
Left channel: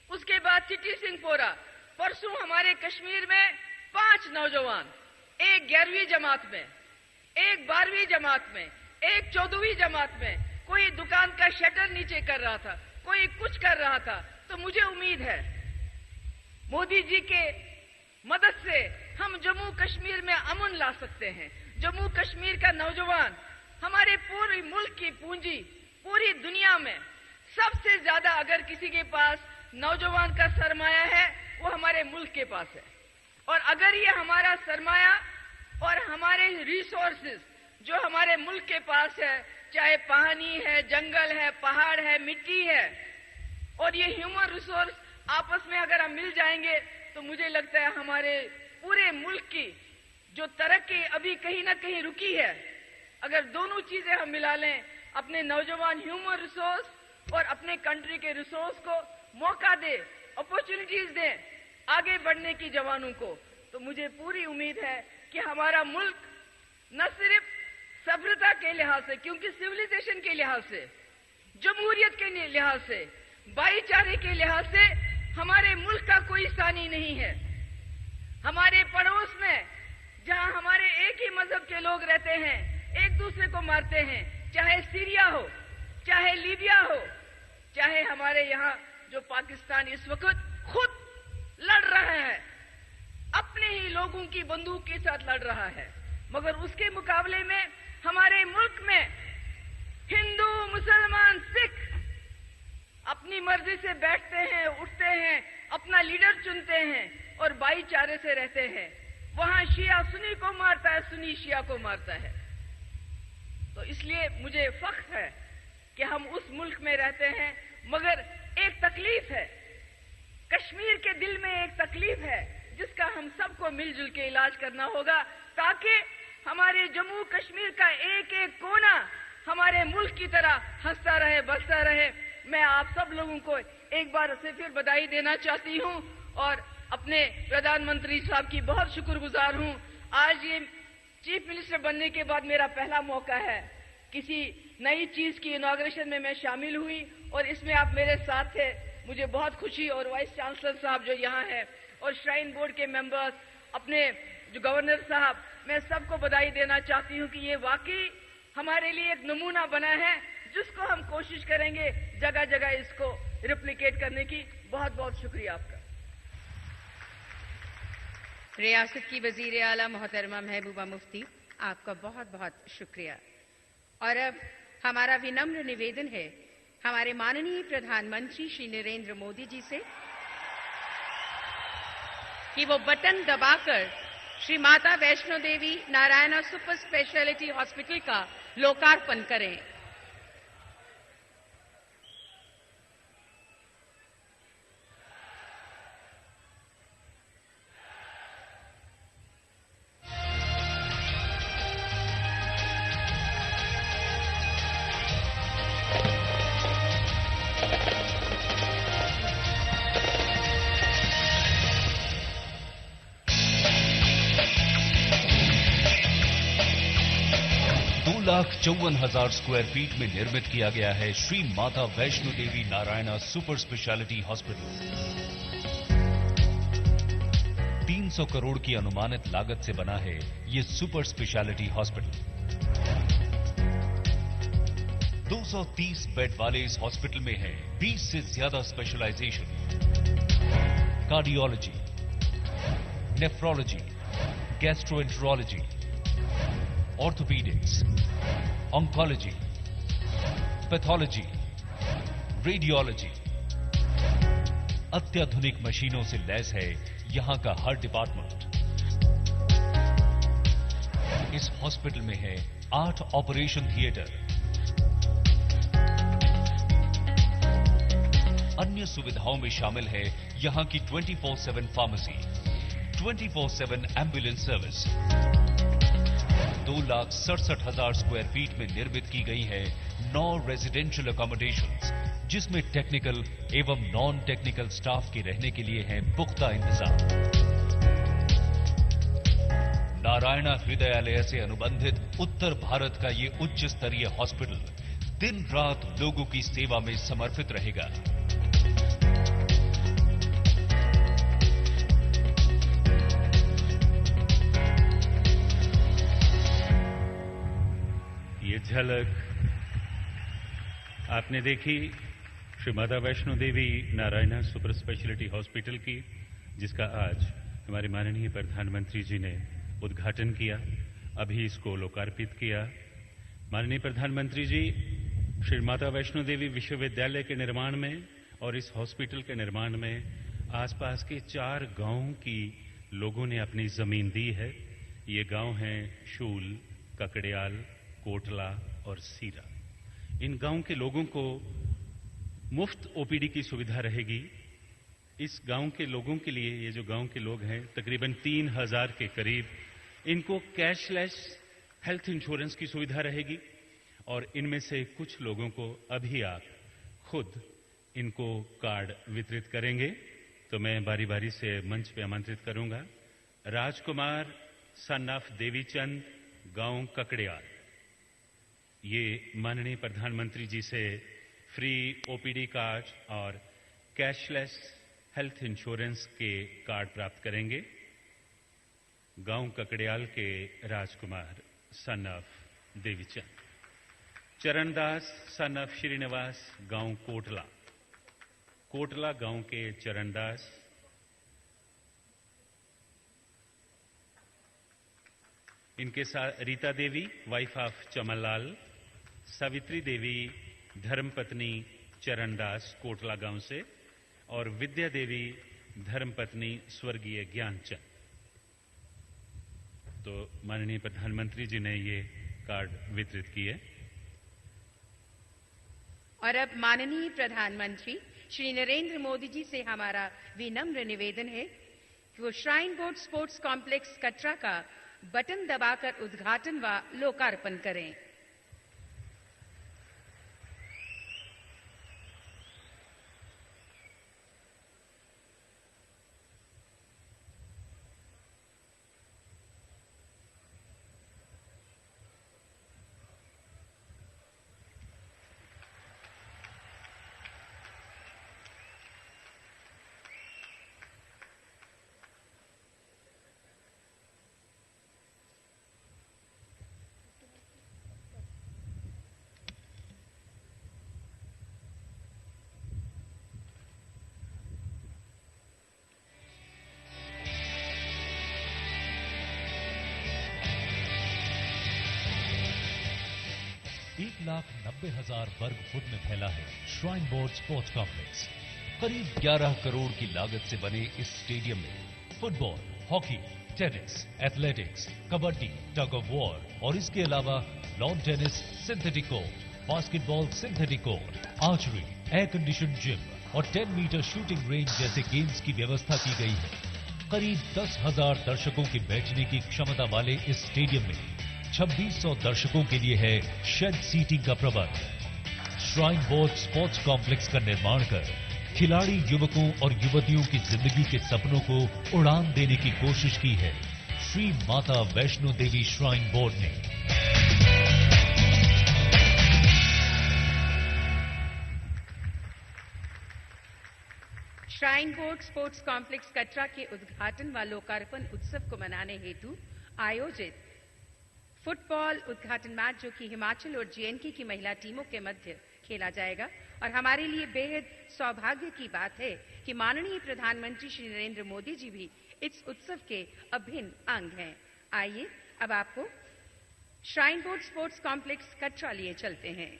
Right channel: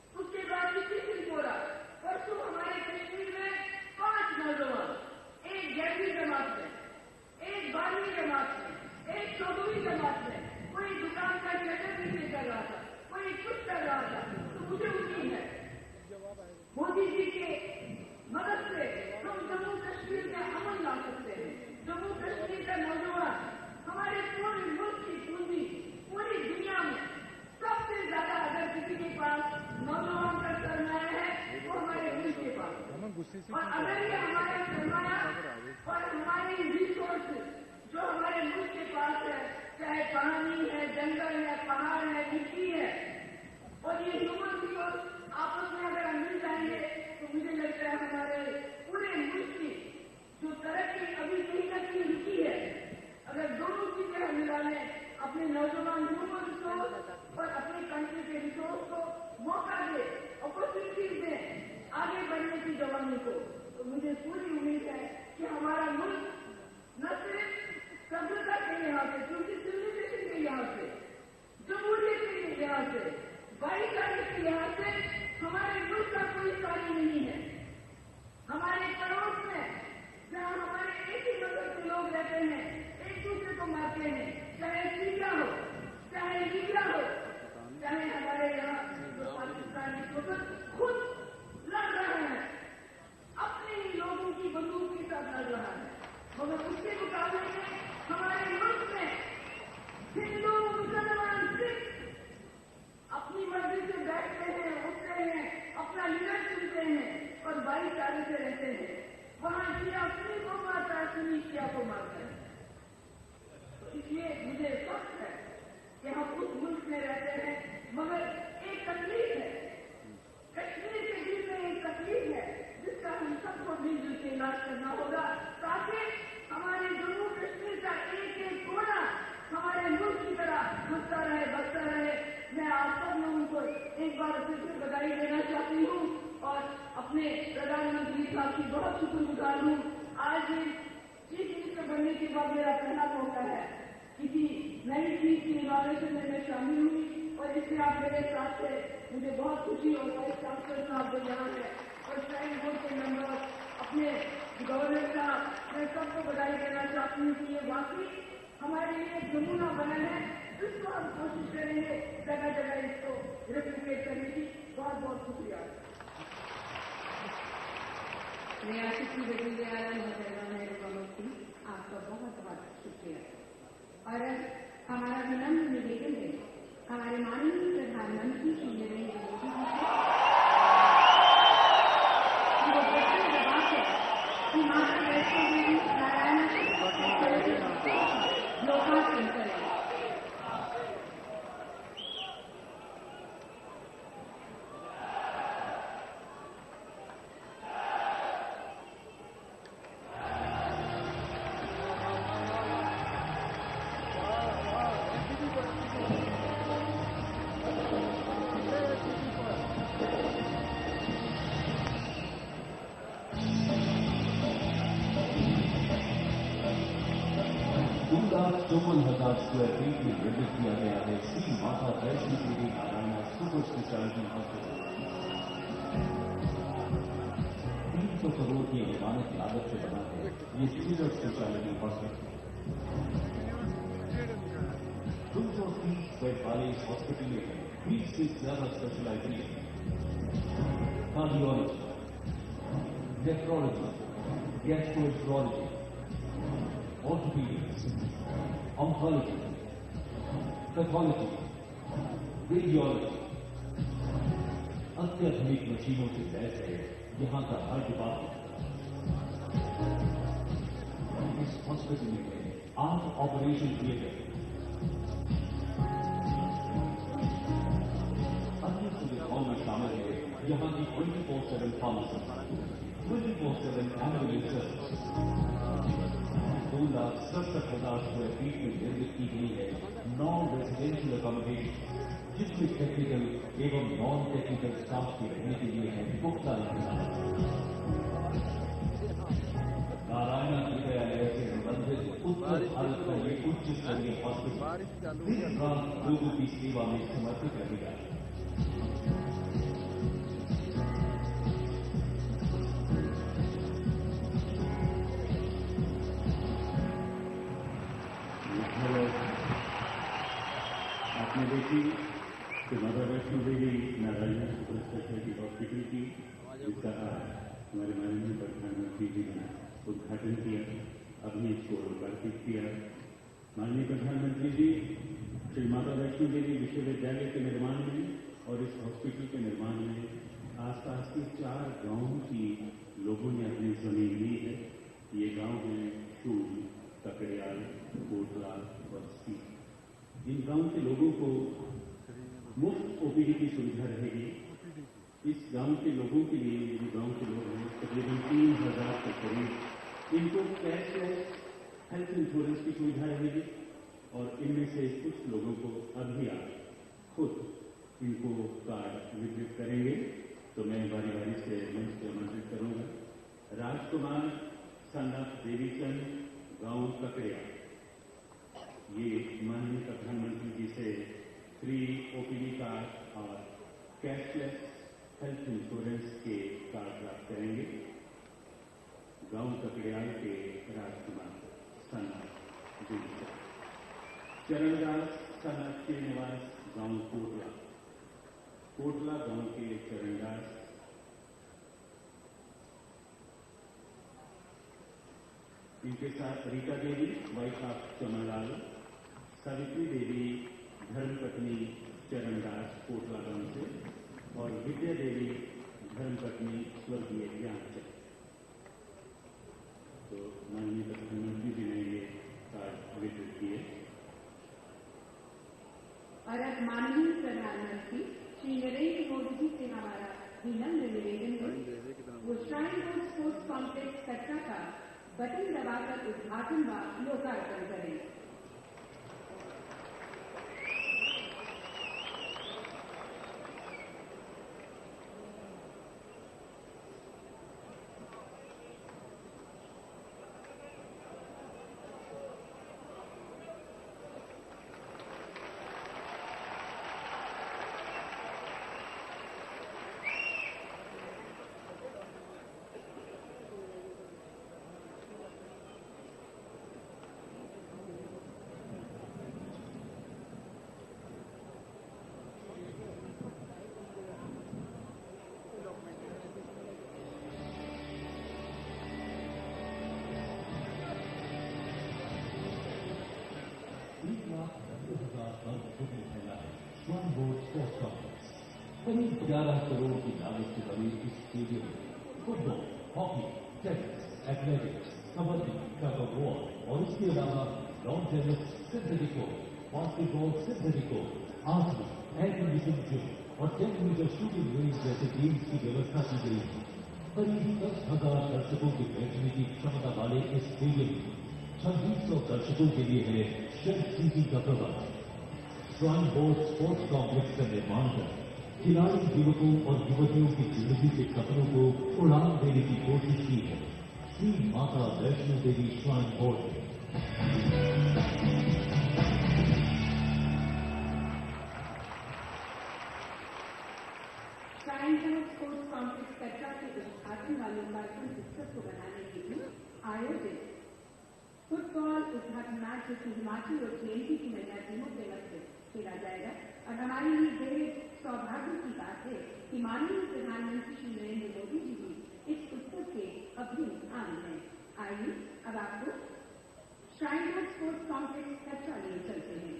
उसके बाद चिट्टी सिंह पोरा, परसों हमारे कश्मीर में 5 नौजवान, एक 11वीं जमात में, एक 12वीं जमात में, एक 14वीं जमात में, कोई दुकान का शटर नीचे कर रहा था, कोई कुछ कर रहा था। तो मुझे उम्मीद है मोदी जी के मदद से हम जम्मू कश्मीर में अमन ला सकते हैं। जम्मू कश्मीर का नौजवान हमारे पूरे मुल्क की पूंजी, पूरी दुनिया में सबसे ज्यादा अगर किसी के पास नौजवान का सरमाया है वो हमारे मुल्क के पास है। और अगर ये हमारा सरमाया और हमारे रिसोर्सेज जो हमारे मुल्क के पास है, चाहे पानी है, जंगल है, पहाड़ है, मिट्टी है, और ये ह्यूमन रिसोर्स आपस में अगर हम मिल जाएंगे तो मुझे लगता है हमारे पूरे मुल्क की जो तरक्की अभी कहीं ना कहीं रुकी है, अगर दोनों चीजें हम मिला लें, अपने नौजवान ह्यूमन रिसोर्स और अपने कंट्री के रिसोर्स को मौका दे, अपॉर्चुनिटीज दे आगे बढ़ने की जवानों को, तो मुझे पूरी उम्मीद है कि हमारा मुल्क न सिर्फ सभ्यता के लिहाज से, क्योंकि सिविलाइजेशन के लिहाज से, जमहूरियत के लिहाज से, भाईचारे के लिहाज से हमारे मुल्क का कोई सानी नहीं है। हमारे पड़ोस में जहां हमारे एक ही मजहब के लोग रहते हैं, एक दूसरे को मारते हैं, चाहे सीरिया हो, चाहे लीबिया हो, चाहे हमारे यहाँ जो पाकिस्तान इस वक्त खुद लड़ रहे हैं, अपने ही लोगों की बंदूक के साथ लड़ रहा है, मगर उसके मुकाबले में हमारे मुल्क में हिंदू, मुसलमान, सिख अपनी मर्जी से बैठते हैं, उठते हैं, अपना लीडर चुनते हैं और भाईचारे से रहते हैं। वहां शिया सुन्नी को मारता है, सुन्नी शिया को मारता है। इसलिए मुझे फख्र है कि हम उस मुल्क में रहते हैं, मगर एक तकलीफ है, कश्मीर के दिल में एक तकलीफ है जिसका हम सबको मिलजुल के इलाज करना होगा, ताकि हमारे जम्मू कश्मीर का एक एक कोना हमारे मुल्क की तरह हंसता रहे, बसता रहे। मैं आप सब लोगों को एक बार से फिर बधाई देना चाहती हूँ और अपने प्रधानमंत्री साहब की बहुत शुक्रगुजार हूँ। आज ये चीफ मिनिस्टर बनने के बाद मेरा पहला मौका है, किसी नई चीज की इनॉग्रेशन में मैं शामिल हुई और इसमें आप मेरे साथ थे। मुझे बहुत खुशी, और वाइस चांसलर साहब जो यहाँ हैं और श्राइन बोर्ड के मेंबर्स, अपने जो गवर्नर साहब, मैं सबको बधाई देना चाहती हूँ कि ये वाकई हमारे लिए एक नमूना बना है, जिसको हम कोशिश करेंगे जगह जगह इसको रिप्लिकेट करने की। बहुत बहुत शुक्रिया। रियासत की वजीर आला मोहतरमा महबूबा मुफ्ती, आपका बहुत बहुत शुक्रिया। और अब हमारा विनम्र निवेदन है हमारे माननीय प्रधानमंत्री श्री नरेंद्र मोदी जी से कि वो बटन दबाकर Shri Mata Vaishno Devi Narayana super speciality hospital का लोकार्पण करें। $2,54,000 स्क्वायर फीट में निर्मित किया गया है Shri Mata Vaishno Devi Narayana super speciality hospital. 300 crore की अनुमानित लागत से बना है ये सुपर स्पेशलिटी हॉस्पिटल। 230 बेड वाले इस हॉस्पिटल में है 20 से ज्यादा specialisation, cardiology, nephrology, gastroenterology, orthopaedics, oncology, pathology, radiology. अत्याधुनिक मशीनों से लैस है यहां का हर डिपार्टमेंट। इस हॉस्पिटल में है 8 ऑपरेशन थिएटर। अन्य सुविधाओं में शामिल है यहां की 24/7 pharmacy, 24/7 ambulance service. 2,67,000 square feet में निर्मित की गई है 9 रेजिडेंशियल अकोमोडेशंस, जिसमें टेक्निकल एवं नॉन टेक्निकल स्टाफ के रहने के लिए है पुख्ता इंतजाम। नारायणा हृदयालय से अनुबंधित उत्तर भारत का ये उच्च स्तरीय हॉस्पिटल दिन रात लोगों की सेवा में समर्पित रहेगा। आपने देखी Shri Mata Vaishno Devi Narayana super speciality hospital की, जिसका आज हमारे माननीय प्रधानमंत्री जी ने उद्घाटन किया, अभी इसको लोकार्पित किया। माननीय प्रधानमंत्री जी श्री माता वैष्णो देवी विश्वविद्यालय के निर्माण में और इस हॉस्पिटल के निर्माण में आसपास के 4 गांवों की लोगों ने अपनी जमीन दी है। ये गांव हैं शूल, ककड़ियाल, कोटला और सीरा। इन गांव के लोगों को मुफ्त ओपीडी की सुविधा रहेगी। इस गांव के लोगों के लिए, ये जो गांव के लोग हैं तकरीबन 3,000 के करीब, इनको कैशलेस हेल्थ इंश्योरेंस की सुविधा रहेगी। और इनमें से कुछ लोगों को अभी आप खुद इनको कार्ड वितरित करेंगे, तो मैं बारी बारी से मंच पे आमंत्रित करूंगा। राजकुमार सन ऑफ देवीचंद, गांव ककड़ियाल, ये माननीय प्रधानमंत्री जी से फ्री ओपीडी कार्ड और कैशलेस हेल्थ इंश्योरेंस के कार्ड प्राप्त करेंगे। गांव ककड़ियाल के Rajkumar son of Devichand. Charandas son of Srinivas, गांव कोटला, कोटला गांव के चरणदास। इनके साथ रीता देवी वाइफ ऑफ चमनलाल, सावित्री देवी धर्मपत्नी चरणदास कोटला गांव से, और विद्या देवी धर्मपत्नी स्वर्गीय ज्ञानचंद। तो माननीय प्रधानमंत्री जी ने ये कार्ड वितरित किए। और अब माननीय प्रधानमंत्री श्री नरेंद्र मोदी जी से हमारा विनम्र निवेदन है कि वो shrine board sports complex Katra का बटन दबाकर उद्घाटन व लोकार्पण करें। वर्ग फुट में फैला है श्राइन बोर्ड स्पोर्ट्स कॉम्प्लेक्स। करीब 11 करोड़ की लागत से बने इस स्टेडियम में football, hockey, tennis, athletics, kabaddi, tug of war और इसके अलावा lawn tennis, synthetic court, basketball, synthetic court, archery, air condition gym और 10 मीटर शूटिंग रेंज जैसे गेम्स की व्यवस्था की गई है। करीब 10,000 दर्शकों के बैठने की क्षमता वाले इस स्टेडियम में 2600 दर्शकों के लिए है शेड सीटिंग का प्रबंध। श्राइन बोर्ड स्पोर्ट्स कॉम्प्लेक्स का निर्माण कर खिलाड़ी युवकों और युवतियों की जिंदगी के सपनों को उड़ान देने की कोशिश की है श्री माता वैष्णो देवी श्राइन बोर्ड ने। Shrine board sports complex Katra के उद्घाटन व लोकार्पण उत्सव को मनाने हेतु आयोजित फुटबॉल उद्घाटन मैच जो कि हिमाचल और जेएनके की महिला टीमों के मध्य खेला जाएगा और हमारे लिए बेहद सौभाग्य की बात है कि माननीय प्रधानमंत्री श्री नरेंद्र मोदी जी भी इस उत्सव के अभिन्न अंग हैं। आइए अब आपको shrine board sports complex Katra लिए चलते हैं।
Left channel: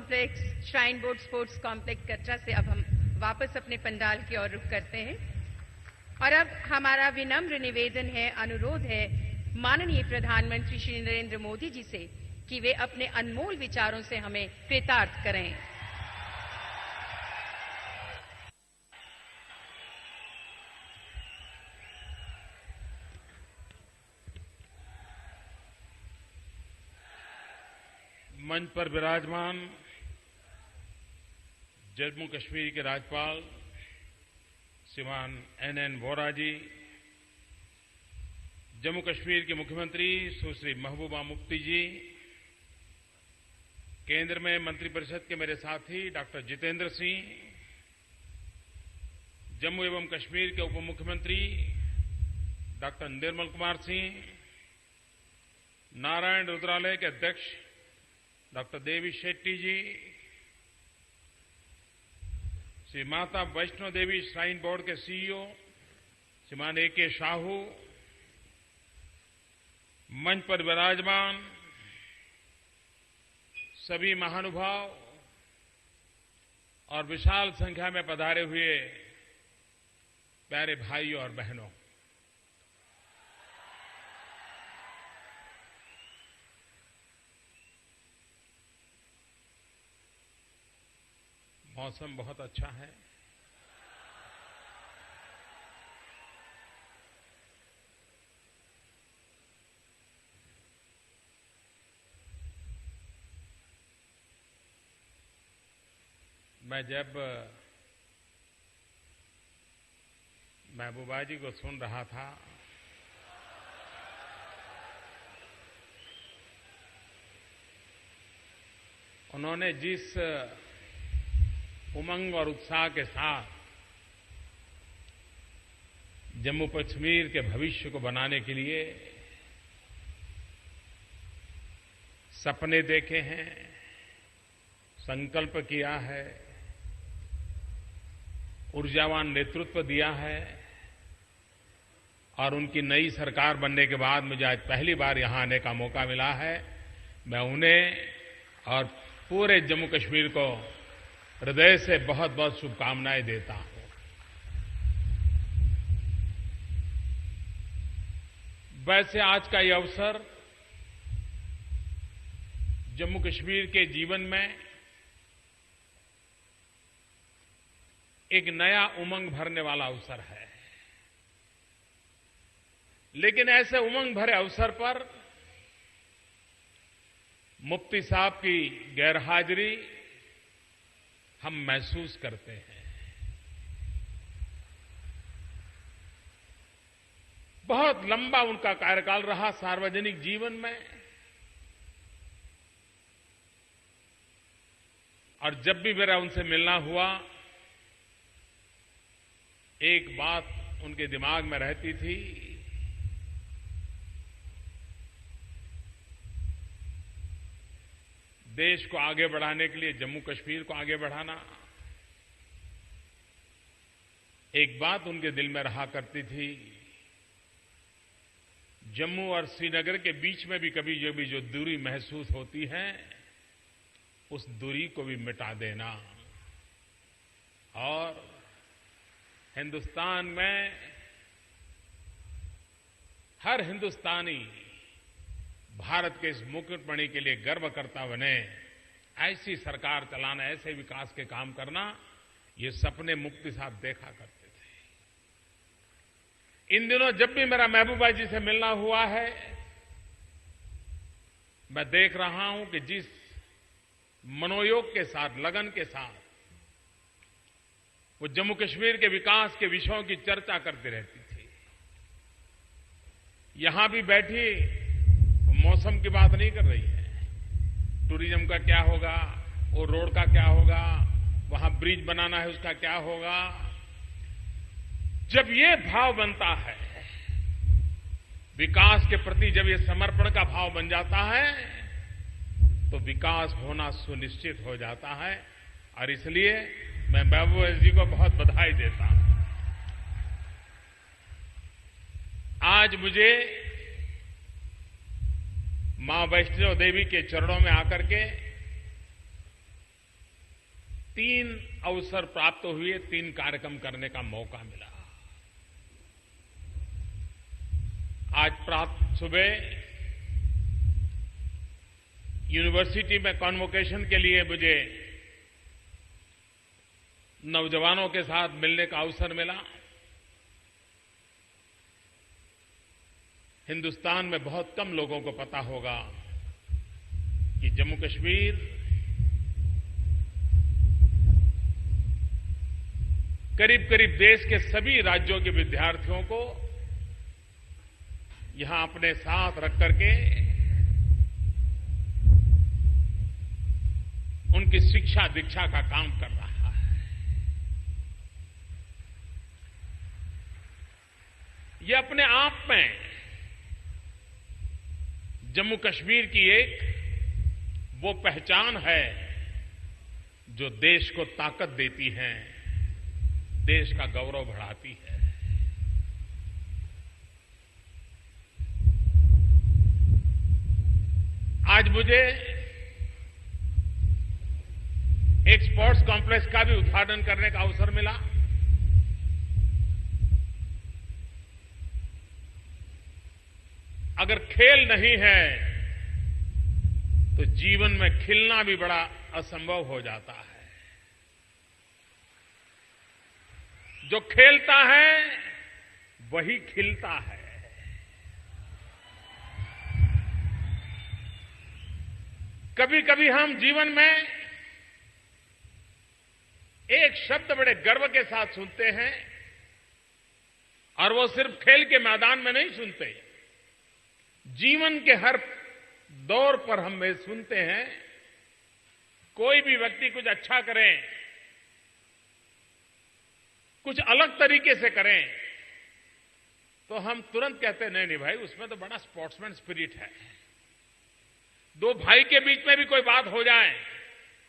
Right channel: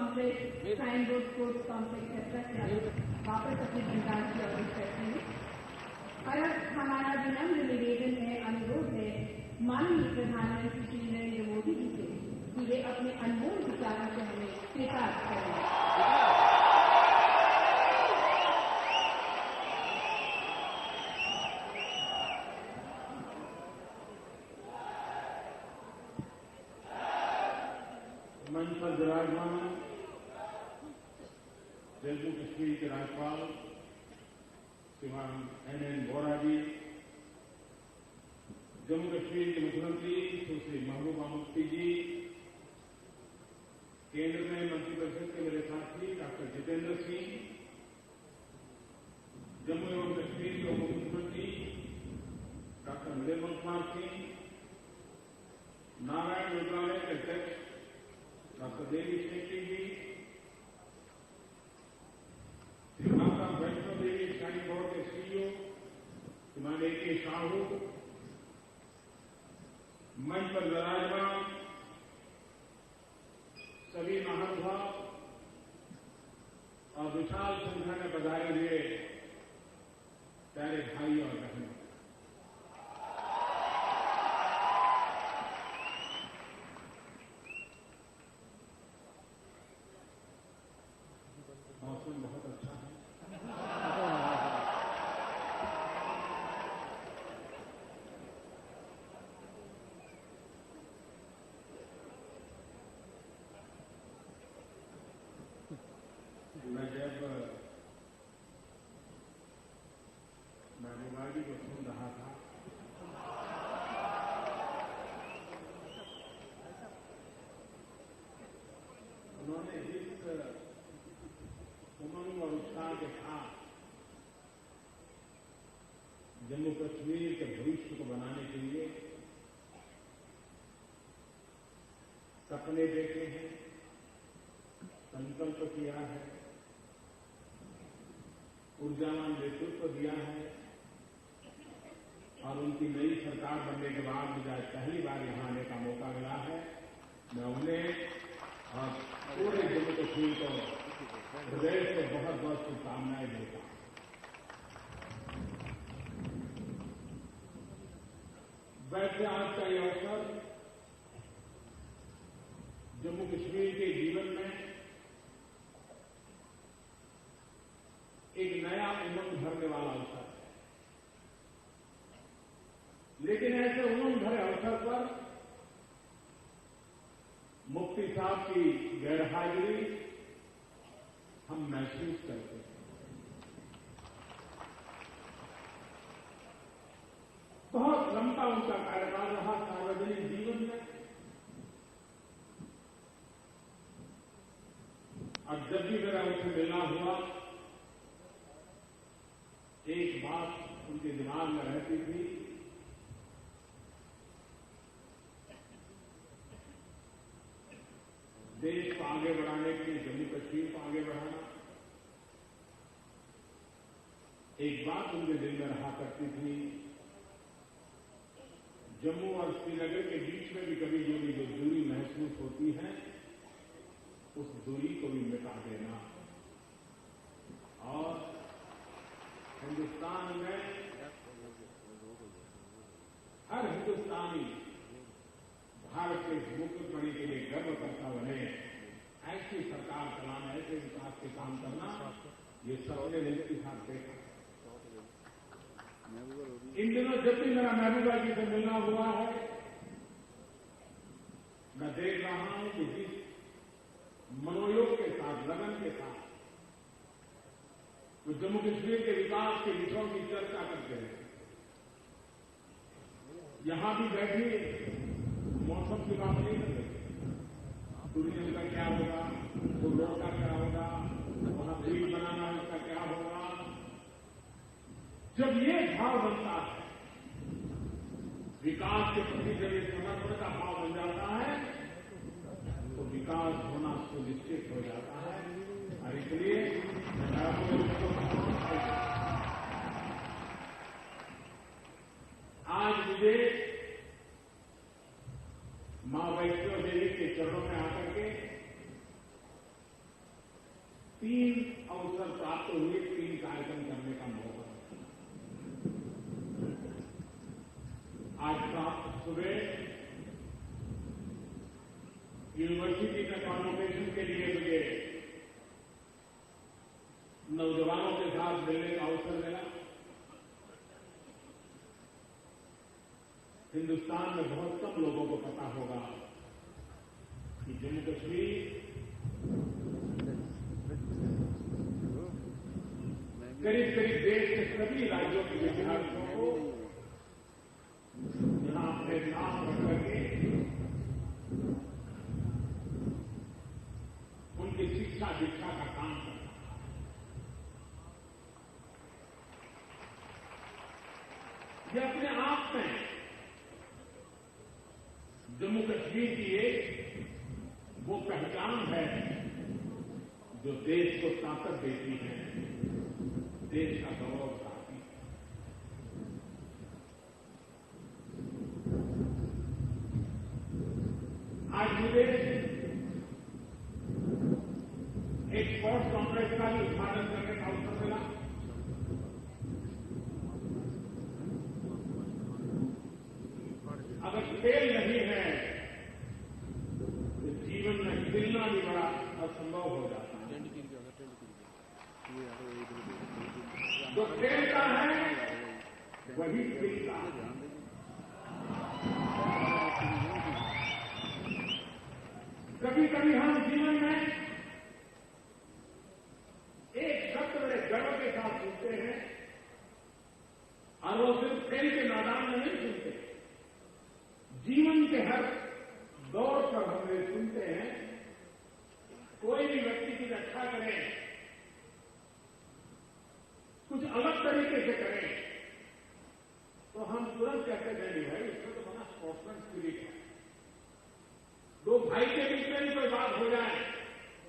Complex, shrine board sports complex Katra से अब हम वापस अपने पंडाल की ओर रुख करते हैं और अब हमारा विनम्र निवेदन है, अनुरोध है माननीय प्रधानमंत्री श्री नरेंद्र मोदी जी से कि वे अपने अनमोल विचारों से हमें कृतार्थ करें। मंच पर विराजमान जम्मू कश्मीर के राज्यपाल श्रीमान एन वोरा जी, जम्मू कश्मीर के मुख्यमंत्री सुश्री महबूबा मुफ्ती जी, केंद्र में मंत्रिपरिषद के मेरे साथी डॉक्टर जितेंद्र सिंह, जम्मू एवं कश्मीर के उप मुख्यमंत्री डॉक्टर निर्मल कुमार सिंह, नारायण रुद्रालय के अध्यक्ष डॉक्टर देवी शेट्टी जी, श्री माता वैष्णो देवी श्राइन बोर्ड के सीईओ श्रीमान ए.के. साहू, मंच पर विराजमान सभी महानुभाव और विशाल संख्या में पधारे हुए प्यारे भाइयों और बहनों, मौसम बहुत अच्छा है। मैं जब महबूबा जी को सुन रहा था उन्होंने जिस उमंग और उत्साह के साथ जम्मू कश्मीर के भविष्य को बनाने के लिए सपने देखे हैं, संकल्प किया है, ऊर्जावान नेतृत्व दिया है और उनकी नई सरकार बनने के बाद मुझे आज पहली बार यहां आने का मौका मिला है। मैं उन्हें और पूरे जम्मू कश्मीर को हृदय से बहुत बहुत शुभकामनाएं देता हूं। वैसे आज का यह अवसर जम्मू कश्मीर के जीवन में एक नया उमंग भरने वाला अवसर है, लेकिन ऐसे उमंग भरे अवसर पर मुफ्ती साहब की गैरहाजिरी हम महसूस करते हैं। बहुत लंबा उनका कार्यकाल रहा सार्वजनिक जीवन में और जब भी मेरा उनसे मिलना हुआ एक बात उनके दिमाग में रहती थी, देश को आगे बढ़ाने के लिए जम्मू कश्मीर को आगे बढ़ाना। एक बात उनके दिल में रहा करती थी, जम्मू और श्रीनगर के बीच में भी कभी जो दूरी महसूस होती है उस दूरी को भी मिटा देना और हिंदुस्तान में हर हिंदुस्तानी भारत के इस मुकुटमणि के लिए गर्व करता बने, ऐसी सरकार चलाना, ऐसे विकास के काम करना, ये सपने मुफ्ती साहब देखा करते थे। इन दिनों जब भी मेरा महबूबा जी से मिलना हुआ है, मैं देख रहा हूं कि जिस मनोयोग के साथ, लगन के साथ वो जम्मू कश्मीर के विकास के विषयों की चर्चा करते रहती थी। यहां भी बैठी मौसम की बात नहीं कर रही है, टूरिज्म का क्या होगा, वो रोड का क्या होगा, वहां ब्रिज बनाना है उसका क्या होगा। जब ये भाव बनता है, विकास के प्रति जब ये समर्पण का भाव बन जाता है, तो विकास होना सुनिश्चित हो जाता है। और इसलिए मैं महबूबा जी को बहुत बधाई देता हूं। आज मुझे मां वैष्णो देवी के चरणों में आकर के 3 अवसर प्राप्त हुए, 3 कार्यक्रम करने का मौका मिला। आज प्रात सुबह यूनिवर्सिटी में कॉन्वोकेशन के लिए मुझे नौजवानों के साथ मिलने का अवसर मिला। हिंदुस्तान में बहुत कम लोगों को पता होगा कि जम्मू कश्मीर करीब करीब देश के सभी राज्यों के विद्यार्थियों को यहां अपने साथ रख करके उनकी शिक्षा दीक्षा का काम कर रहा है। ये अपने आप में जम्मू कश्मीर की एक वो पहचान है जो देश को ताकत देती है, देश का गौरव बढ़ाती है। आज मुझे एक स्पोर्ट्स कॉम्प्लेक्स का भी उद्घाटन करने का अवसर मिला। अगर खेल नहीं है तो जीवन में खिलना भी बड़ा असंभव हो जाता है। जो खेलता है वही खिलता है। कभी कभी हम जीवन में एक शब्द बड़े गर्व के साथ सुनते हैं और वो सिर्फ खेल के मैदान में नहीं सुनते, जीवन के हर दौर पर हम ये सुनते हैं। कोई भी व्यक्ति कुछ अच्छा करे, कुछ अलग तरीके से करें, तो हम तुरंत कहते हैं नहीं भाई उसमें तो बड़ा स्पोर्ट्समैन स्पिरिट है। दो भाई के बीच में भी कोई बात हो जाए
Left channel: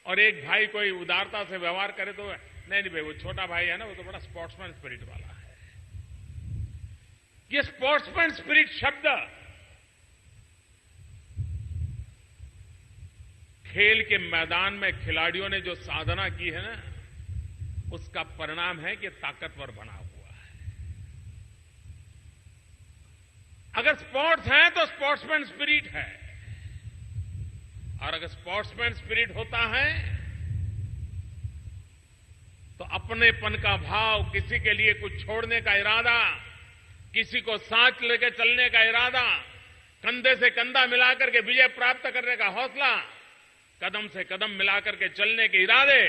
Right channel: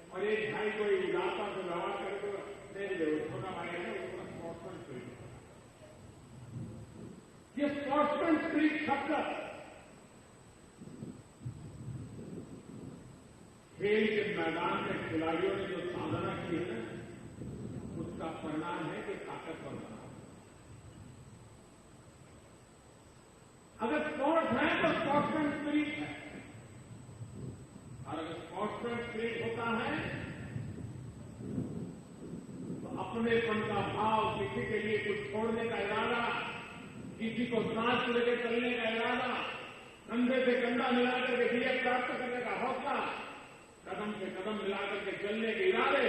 और एक भाई कोई उदारता से व्यवहार करे तो नहीं भाई वो छोटा भाई है ना, वो तो बड़ा स्पोर्ट्समैन स्पिरिट वाला है। ये स्पोर्ट्समैन स्पिरिट शब्द खेल के मैदान में खिलाड़ियों ने जो साधना की है ना, उसका परिणाम है कि ताकतवर बना हुआ है। अगर स्पोर्ट्स है तो स्पोर्ट्समैन स्पिरिट है, और अगर स्पोर्ट्समैन स्पिरिट होता है तो अपनेपन का भाव, किसी के लिए कुछ छोड़ने का इरादा, किसी को साथ लेकर चलने का इरादा, कंधे से कंधा मिलाकर के विजय प्राप्त करने का हौसला, कदम से कदम मिलाकर के चलने के इरादे,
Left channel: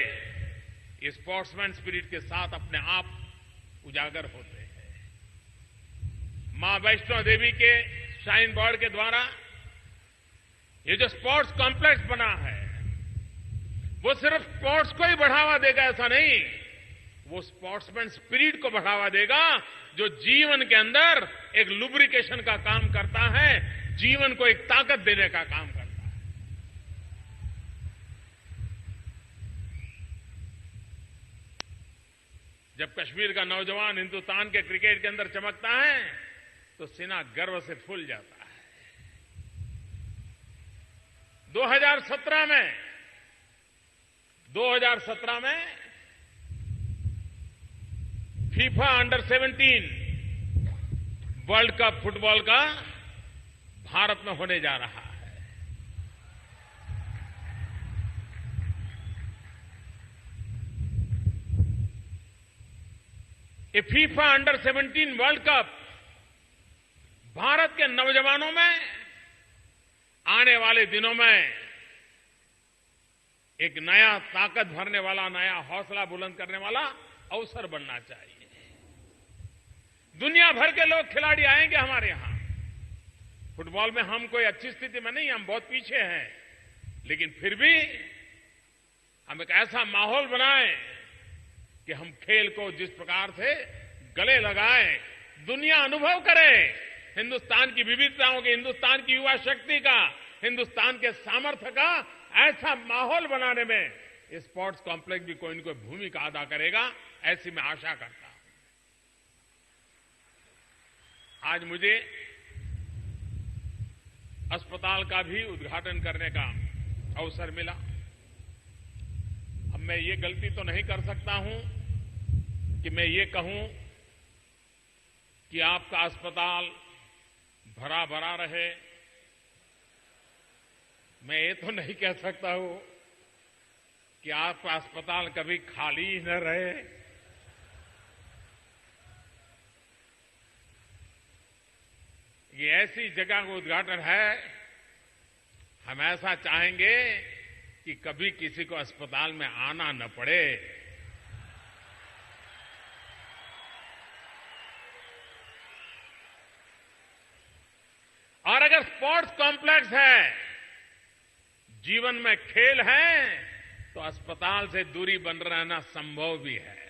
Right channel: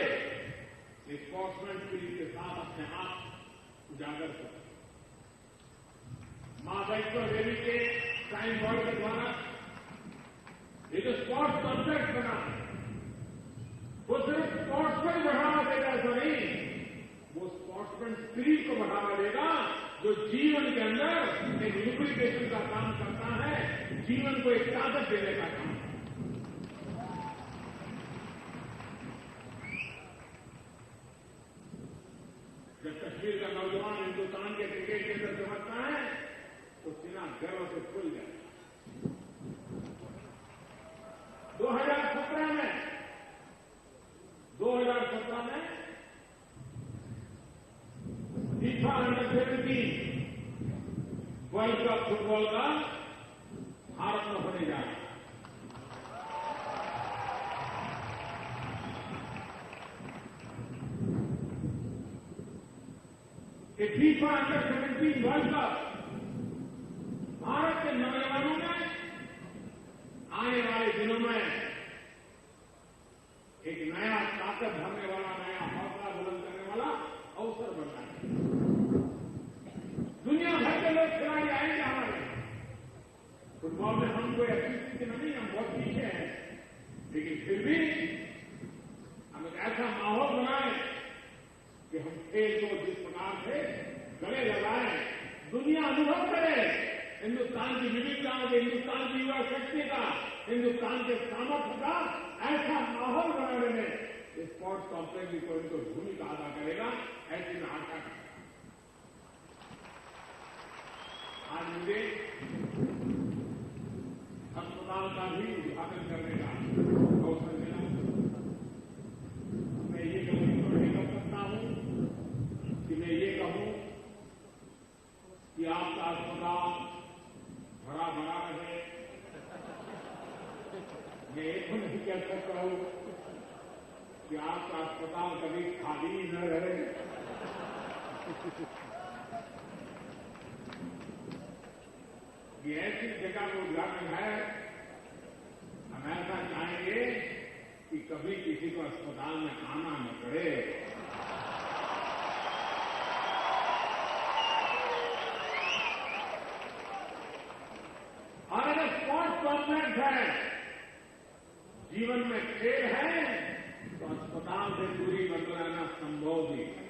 इस स्पोर्ट्समैन स्पिरिट के साथ अपने आप उजागर हो रहे हैं। मां वैष्णो देवी के श्राइन बोर्ड के द्वारा ये जो स्पोर्ट्स कॉम्प्लेक्स बना है, वो सिर्फ स्पोर्ट्स को ही बढ़ावा देगा ऐसा नहीं, वो स्पोर्ट्समैन स्पिरिट को बढ़ावा देगा जो जीवन के अंदर एक लुब्रिकेशन का काम करता है, जीवन को एक ताकत देने का काम करता है। जब कश्मीर का नौजवान हिंदुस्तान के क्रिकेट के अंदर चमकता है तो सीना गर्व से फूल जाता है। 2017 में FIFA under 17 world cup football का भारत में होने जा रहा है। ये FIFA under 17 world cup Bharat के नौजवानों में आने वाले दिनों में एक नया ताकत भरने वाला, नया हौसला बुलंद करने वाला अवसर बनना चाहिए। दुनिया भर के लोग खिलाड़ी आएंगे हमारे यहां। फुटबॉल में हम कोई अच्छी स्थिति में नहीं, हम बहुत पीछे हैं, लेकिन फिर भी हम एक ऐसा माहौल बनाएं कि हम खेल को जिस प्रकार से गले लगाएं, दुनिया अनुभव करे हिंदुस्तान की विविधताओं की, हिंदुस्तान की युवा शक्ति का, हिंदुस्तान के सामर्थ्य का ऐसा माहौल बनाने में स्पोर्ट्स कॉम्प्लेक्स भी कोई न कोई भूमिका अदा करेगा, ऐसी मैं आशा करता हूं। आज मुझे अस्पताल का भी उद्घाटन करने का अवसर मिला। मैं ये गलती तो नहीं कर सकता हूं कि मैं ये कहूं कि आपका अस्पताल भरा भरा रहे। मैं ये तो नहीं कह सकता हूं कि आपका अस्पताल कभी खाली ही न रहे। ये ऐसी जगह का उद्घाटन है, हम ऐसा चाहेंगे कि कभी किसी को अस्पताल में आना न पड़े। और अगर स्पोर्ट्स कॉम्प्लेक्स है, जीवन में खेल है, तो अस्पताल से दूरी बन रहना संभव भी है।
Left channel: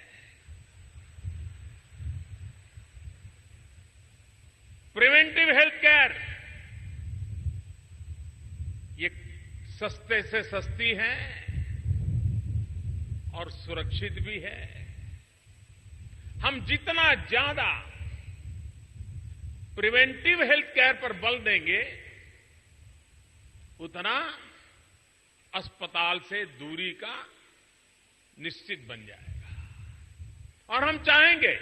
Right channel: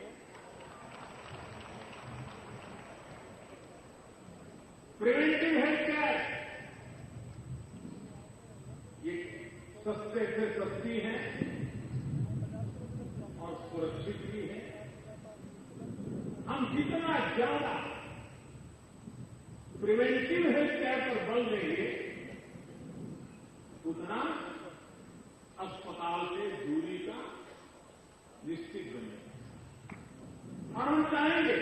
प्रिवेंटिव हेल्थ केयर ये सस्ते से सस्ती है और सुरक्षित भी है। हम जितना ज्यादा प्रिवेंटिव हेल्थ केयर पर बल देंगे, उतना अस्पताल से दूरी का निश्चित बन जाएगा। और हम चाहेंगे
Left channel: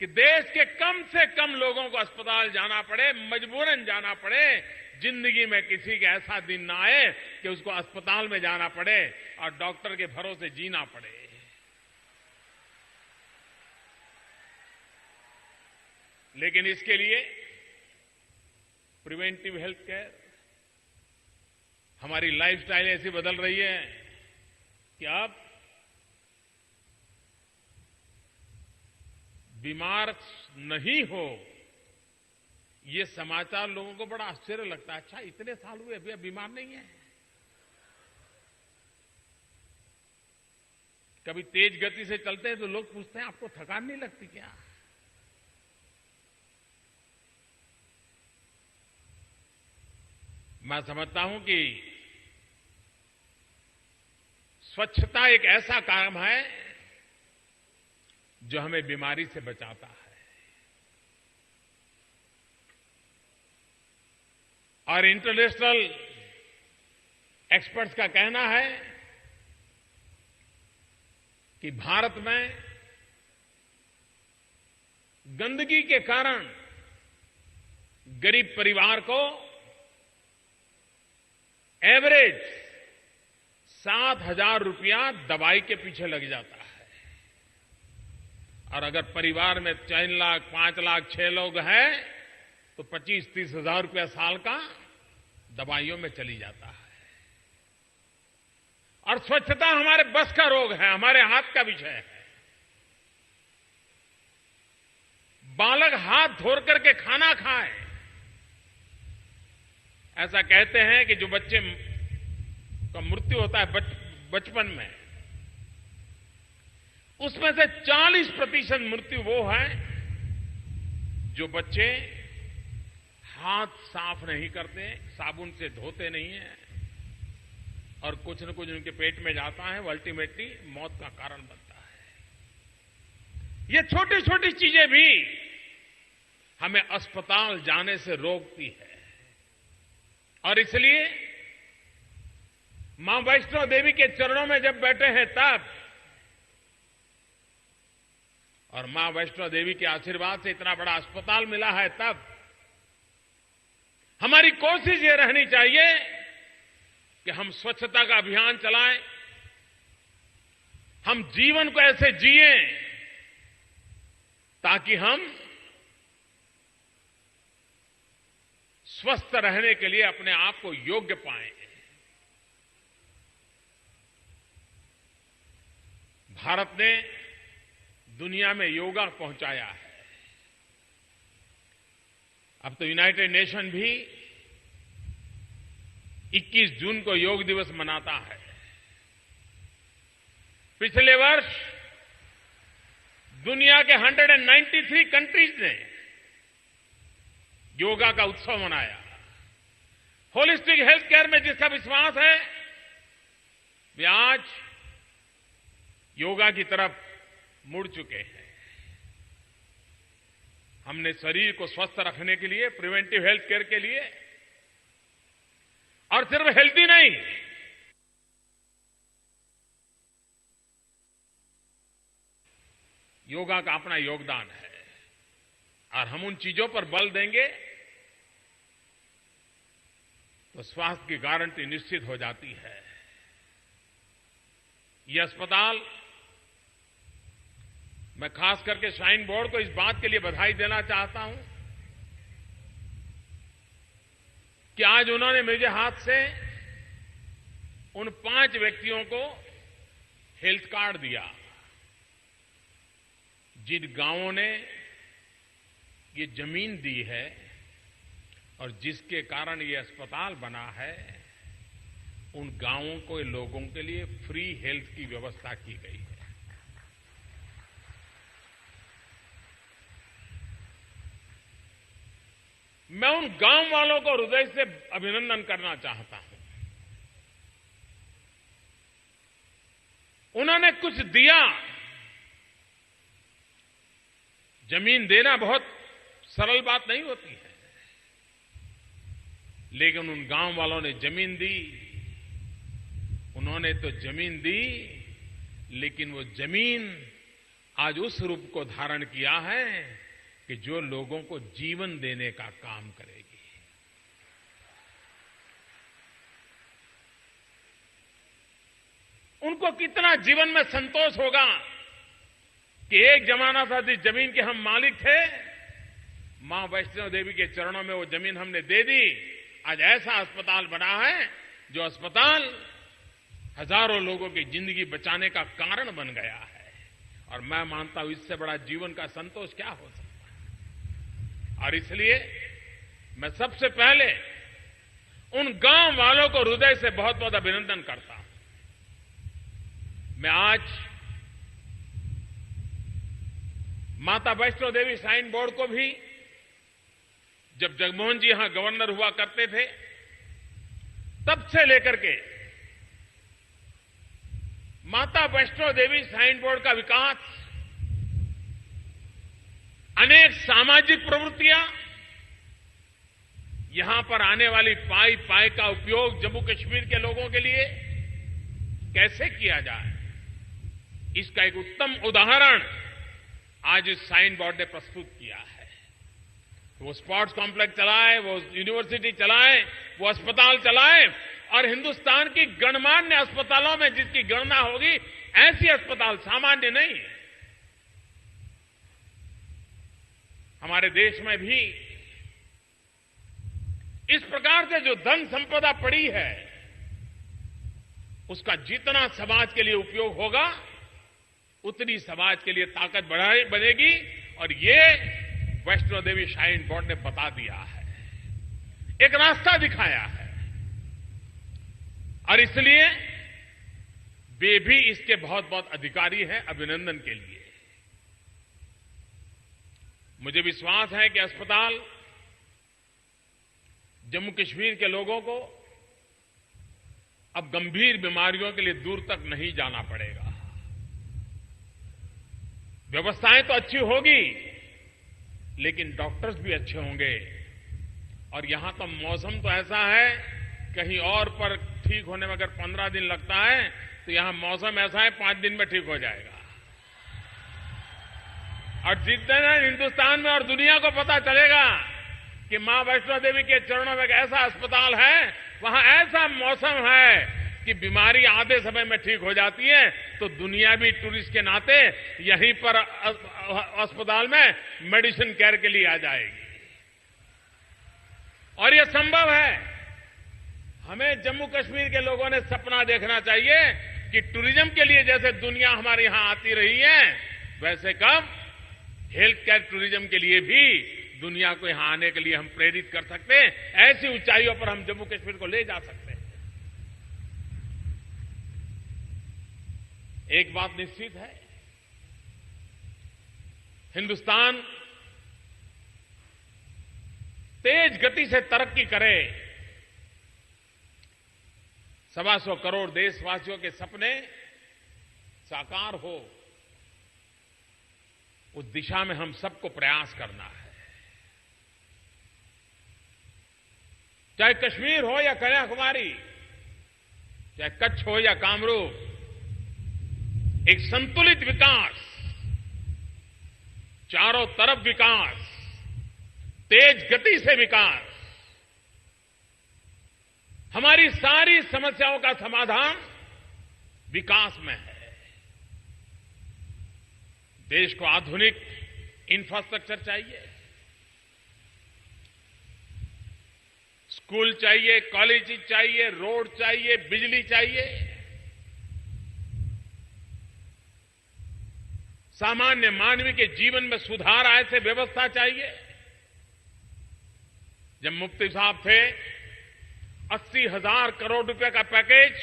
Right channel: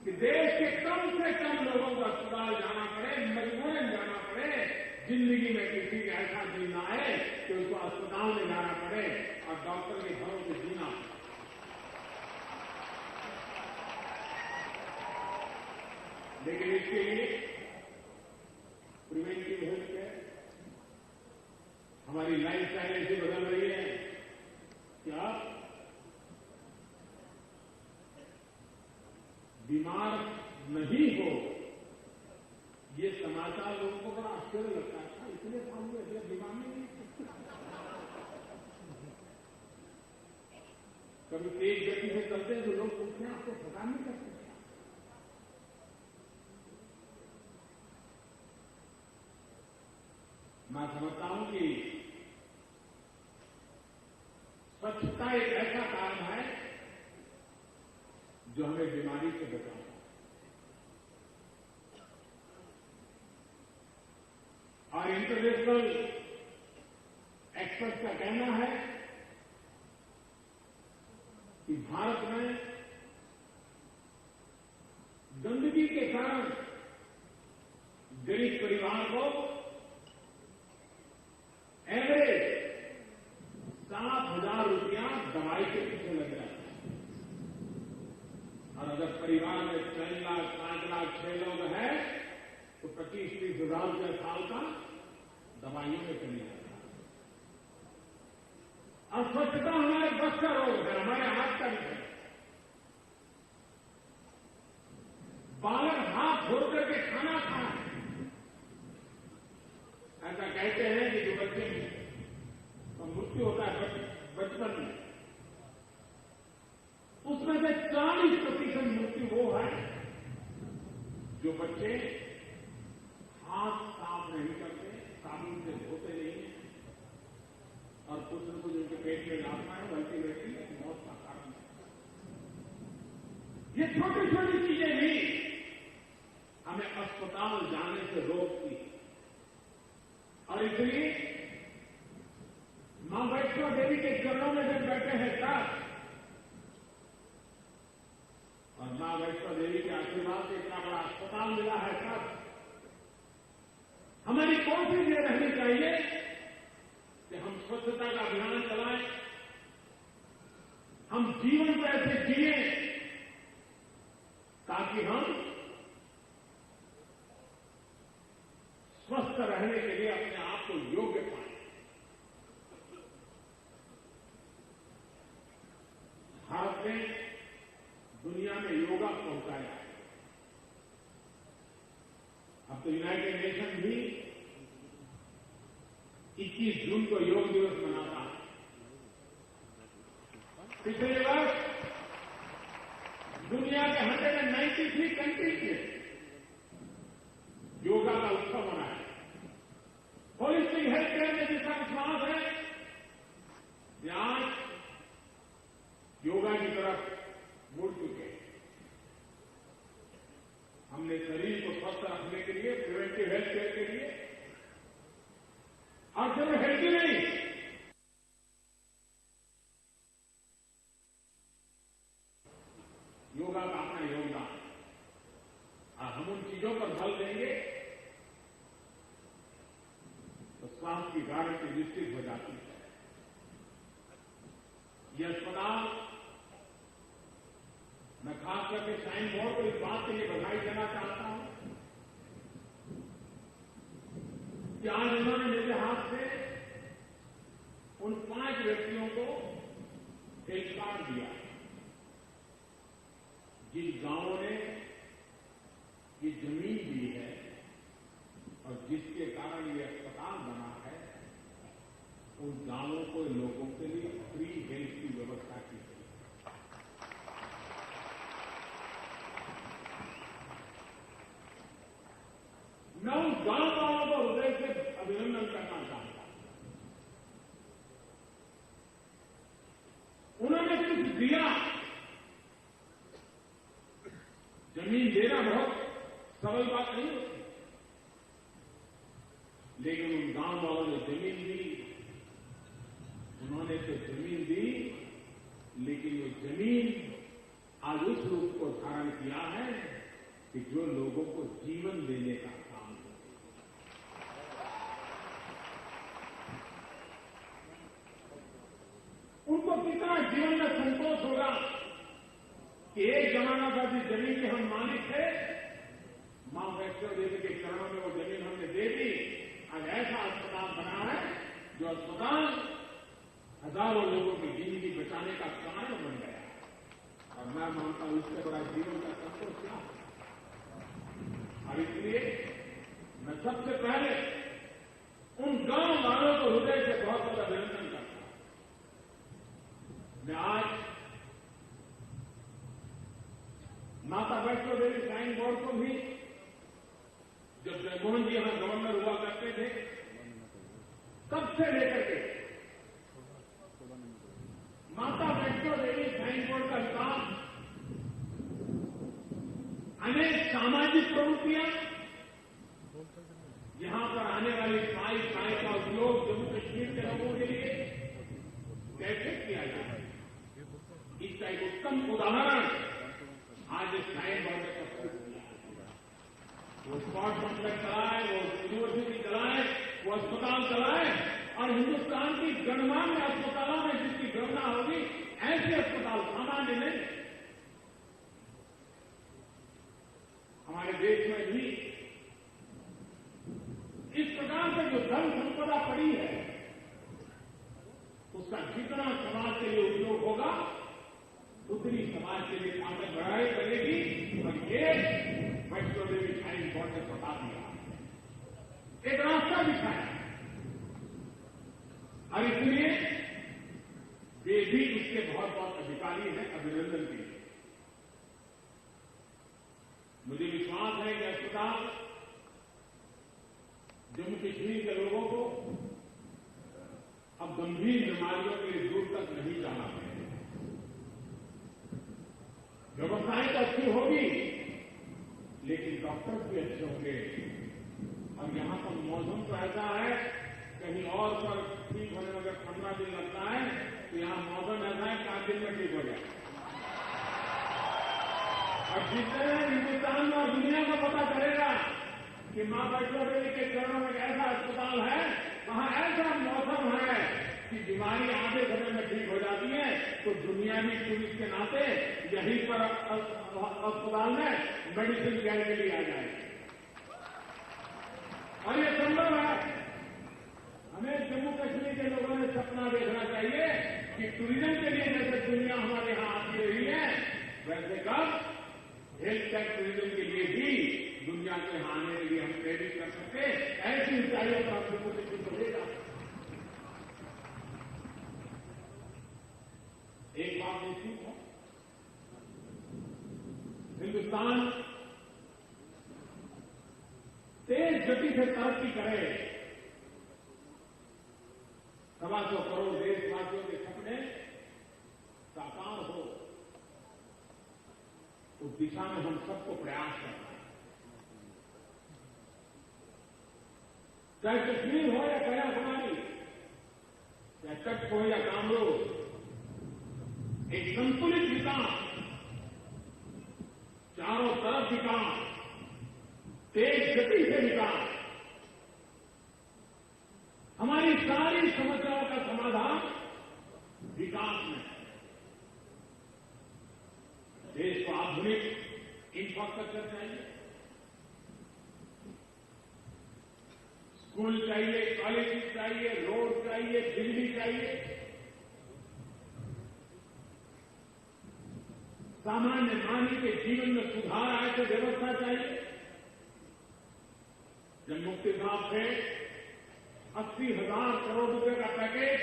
कि देश के कम से कम लोगों को अस्पताल जाना पड़े, मजबूरन जाना पड़े। जिंदगी में किसी का ऐसा दिन ना आए कि उसको अस्पताल में जाना पड़े और डॉक्टर के भरोसे जीना पड़े। लेकिन इसके लिए प्रिवेंटिव हेल्थ केयर, हमारी लाइफस्टाइल ऐसी बदल रही है कि आप बीमार नहीं हो, ये समाचार लोगों को बड़ा आश्चर्य लगता है। अच्छा, इतने साल हुए अभी बीमार नहीं है। कभी तेज गति से चलते हैं तो लोग पूछते हैं आपको थकान नहीं लगती क्या? मैं समझता हूं कि स्वच्छता एक ऐसा काम है जो हमें बीमारी से बचाता है। और इंटरनेशनल एक्सपर्ट्स का कहना है कि भारत में गंदगी के कारण गरीब परिवार को एवरेज 7,000 रुपया दवाई के पीछे लग जाता है। और अगर परिवार में 3 लाख, 5 लाख, 6 लोग हैं तो 25-30 हजार रुपया साल का दवाइयों में चली जाता है। और स्वच्छता हमारे बस का रोग है, हमारे हाथ का विषय है। बालक हाथ धो करके खाना खाएं। ऐसा कहते हैं कि जो बच्चे का मृत्यु होता है बचपन में, उसमें से 40% मृत्यु वो है जो बच्चे हाथ साफ नहीं करते, साबुन से धोते नहीं है और कुछ न कुछ उनके पेट में जाता है, वो अल्टीमेटली मौत का कारण बनता है। ये छोटी छोटी चीजें भी हमें अस्पताल जाने से रोकती है। और इसलिए मां वैष्णो देवी के चरणों में जब बैठे हैं तब, और मां वैष्णो देवी के आशीर्वाद से इतना बड़ा अस्पताल मिला है तब, हमारी कोशिश ये रहनी चाहिए कि हम स्वच्छता का अभियान चलाएं, हम जीवन को ऐसे जिएं ताकि हम स्वस्थ रहने के लिए अपने आप को योग्य पाएं। भारत ने दुनिया में योगा पहुंचाया है। अब तो यूनाइटेड नेशन भी 21 जून को योग दिवस मनाता है। पिछले वर्ष दुनिया के 193 कंट्रीज ने योगा का उत्सव मनाया। होलिस्टिक हेल्थ केयर में जिसका विश्वास है वे आज योगा की तरफ मुड़ चुके हैं। हमने शरीर को स्वस्थ रखने के लिए, प्रिवेंटिव हेल्थ केयर के लिए, और सिर्फ हेल्दी नहीं, योगा का अपना योगदान है और हम उन चीजों पर बल देंगे तो स्वास्थ्य की गारंटी निश्चित हो जाती है। ये अस्पताल, मैं खास करके श्राइन बोर्ड को इस बात के लिए बधाई देना चाहता हूं कि आज उन्होंने मेरे हाथ से उन 5 व्यक्तियों को हेल्थ कार्ड दिया जिन गांवों ने ये जमीन दी है और जिसके कारण ये अस्पताल बना है। उन गांवों को, लोगों के लिए फ्री हेल्थ की व्यवस्था की गई है। मैं उन गांव वालों को हृदय से अभिनंदन करना चाहता हूं। उन्होंने कुछ दिया। जमीन देना बहुत सरल बात नहीं होती है, लेकिन उन गांव वालों ने जमीन दी। उन्होंने तो जमीन दी, लेकिन वो जमीन आज उस रूप को धारण किया है कि जो लोगों को जीवन देने का काम करेगी। उनको कितना जीवन में संतोष होगा कि एक जमाना था जिस जमीन के हम मालिक थे, मां वैष्णो देवी के चरणों में वो जमीन हमने दे दी। आज ऐसा अस्पताल बना है जो अस्पताल हजारों लोगों की जिंदगी बचाने का कारण बन गया है। और मैं मानता हूं इससे बड़ा जीवन का संतोष क्या हो सकता है। और इसलिए मैं सबसे पहले उन गांव वालों को हृदय से बहुत बहुत अभिनंदन करता हूं। मैं आज माता वैष्णो देवी श्राइन बोर्ड को भी, जब जगमोहन जी यहां गवर्नर हुआ करते थे, तब से लेकर के माता वैष्णो देवी श्राइन बोर्ड का विकास, अनेक सामाजिक प्रवृत्तियां, यहां पर आने वाली पाई का उपयोग जम्मू कश्मीर के लोगों के लिए कैसे किया जाए, इसका एक उत्तम उदाहरण आज इस श्राइन बोर्ड ने प्रस्तुत किया है। वो स्पोर्ट्स कॉम्प्लेक्स चलाए, वो यूनिवर्सिटी चलाए, वो अस्पताल चलाए, और हिंदुस्तान की गणमान्य अस्पतालों में जिसकी गणना होगी, ऐसी अस्पताल सामान्य नहीं है। हमारे देश में भी इस प्रकार से जो धन संपदा पड़ी है, उसका जितना समाज के लिए उपयोग होगा, उतनी समाज के लिए ताकत बढ़ानी पड़ेगी। और ये वैष्णो देवी श्राइन बोर्ड ने बता दिया है, एक रास्ता दिखाया है। और इसलिए वे भी इसके बहुत बहुत अधिकारी हैं। अभिनंदन के लिए मुझे विश्वास है कि अस्पताल जम्मू कश्मीर के लोगों को अब गंभीर बीमारियों के लिए दूर तक नहीं जाना पड़ेगा। व्यवस्थाएं तो अच्छी होगी, लेकिन डॉक्टर्स भी अच्छे होंगे। और यहां तो मौसम तो ऐसा है, कहीं और पर ठीक होने में अगर 15 दिन लगता है, तो यहां मौसम ऐसा है 5 दिन में ठीक हो जाएगा। और जिस दिन हिंदुस्तान में और दुनिया को पता चलेगा कि मां वैष्णो देवी के चरणों में एक ऐसा अस्पताल है, वहां ऐसा मौसम है कि बीमारी आधे समय में ठीक हो जाती है, तो दुनिया भी टूरिस्ट के नाते यहीं पर अस्पताल में मेडिसिन केयर के लिए आ जाएगी। और यह संभव है। हमें जम्मू कश्मीर के लोगों ने सपना देखना चाहिए कि टूरिज्म के लिए जैसे दुनिया हमारे यहां आती रही है, वैसे कब हेल्थ केयर टूरिज्म के लिए भी दुनिया को यहां आने के लिए हम प्रेरित कर सकते हैं। ऐसी ऊंचाइयों पर हम जम्मू कश्मीर को ले जा सकते हैं। एक बात निश्चित है, हिंदुस्तान तेज गति से तरक्की करे, 125 करोड़ देशवासियों के सपने साकार हो, उस दिशा में हम सबको प्रयास करना है। चाहे कश्मीर हो या कन्याकुमारी, चाहे कच्छ हो या कामरूप, एक संतुलित विकास, चारों तरफ विकास, तेज गति से विकास, हमारी सारी समस्याओं का समाधान विकास में है। देश को आधुनिक इंफ्रास्ट्रक्चर चाहिए, स्कूल चाहिए, कॉलेज चाहिए, रोड चाहिए, बिजली चाहिए, सामान्य मानवी के जीवन में सुधार आए से व्यवस्था चाहिए। जब मुफ्ती साहब थे 80,000 करोड़ रुपए का पैकेज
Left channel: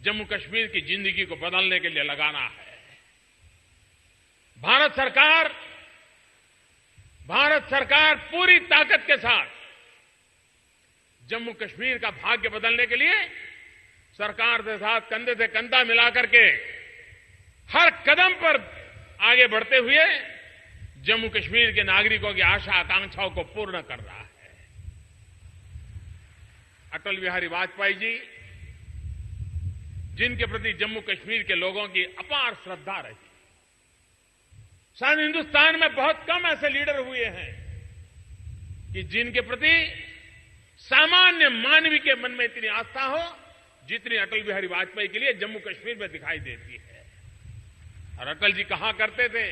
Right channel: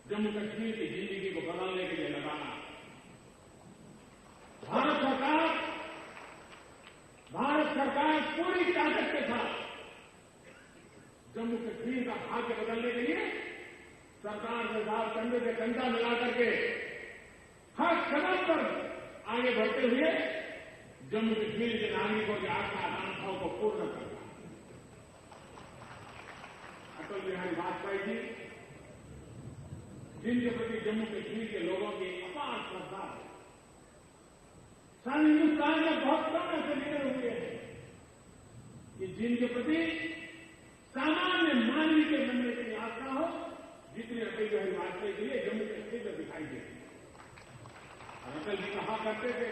जम्मू कश्मीर की जिंदगी को बदलने के लिए लगाना है। भारत सरकार पूरी ताकत के साथ जम्मू कश्मीर का भाग्य बदलने के लिए सरकार के साथ कंधे से कंधा मिलाकर के हर कदम पर आगे बढ़ते हुए जम्मू कश्मीर के नागरिकों की आशा आकांक्षाओं को पूर्ण करता है। अटल बिहारी वाजपेयी जी, जिनके प्रति जम्मू कश्मीर के लोगों की अपार श्रद्धा रही, शायद हिंदुस्तान में बहुत कम ऐसे लीडर हुए हैं कि जिनके प्रति सामान्य मानवी के मन में इतनी आस्था हो जितनी अटल बिहारी वाजपेयी के लिए जम्मू कश्मीर में दिखाई देती है। और अटल जी कहा करते थे,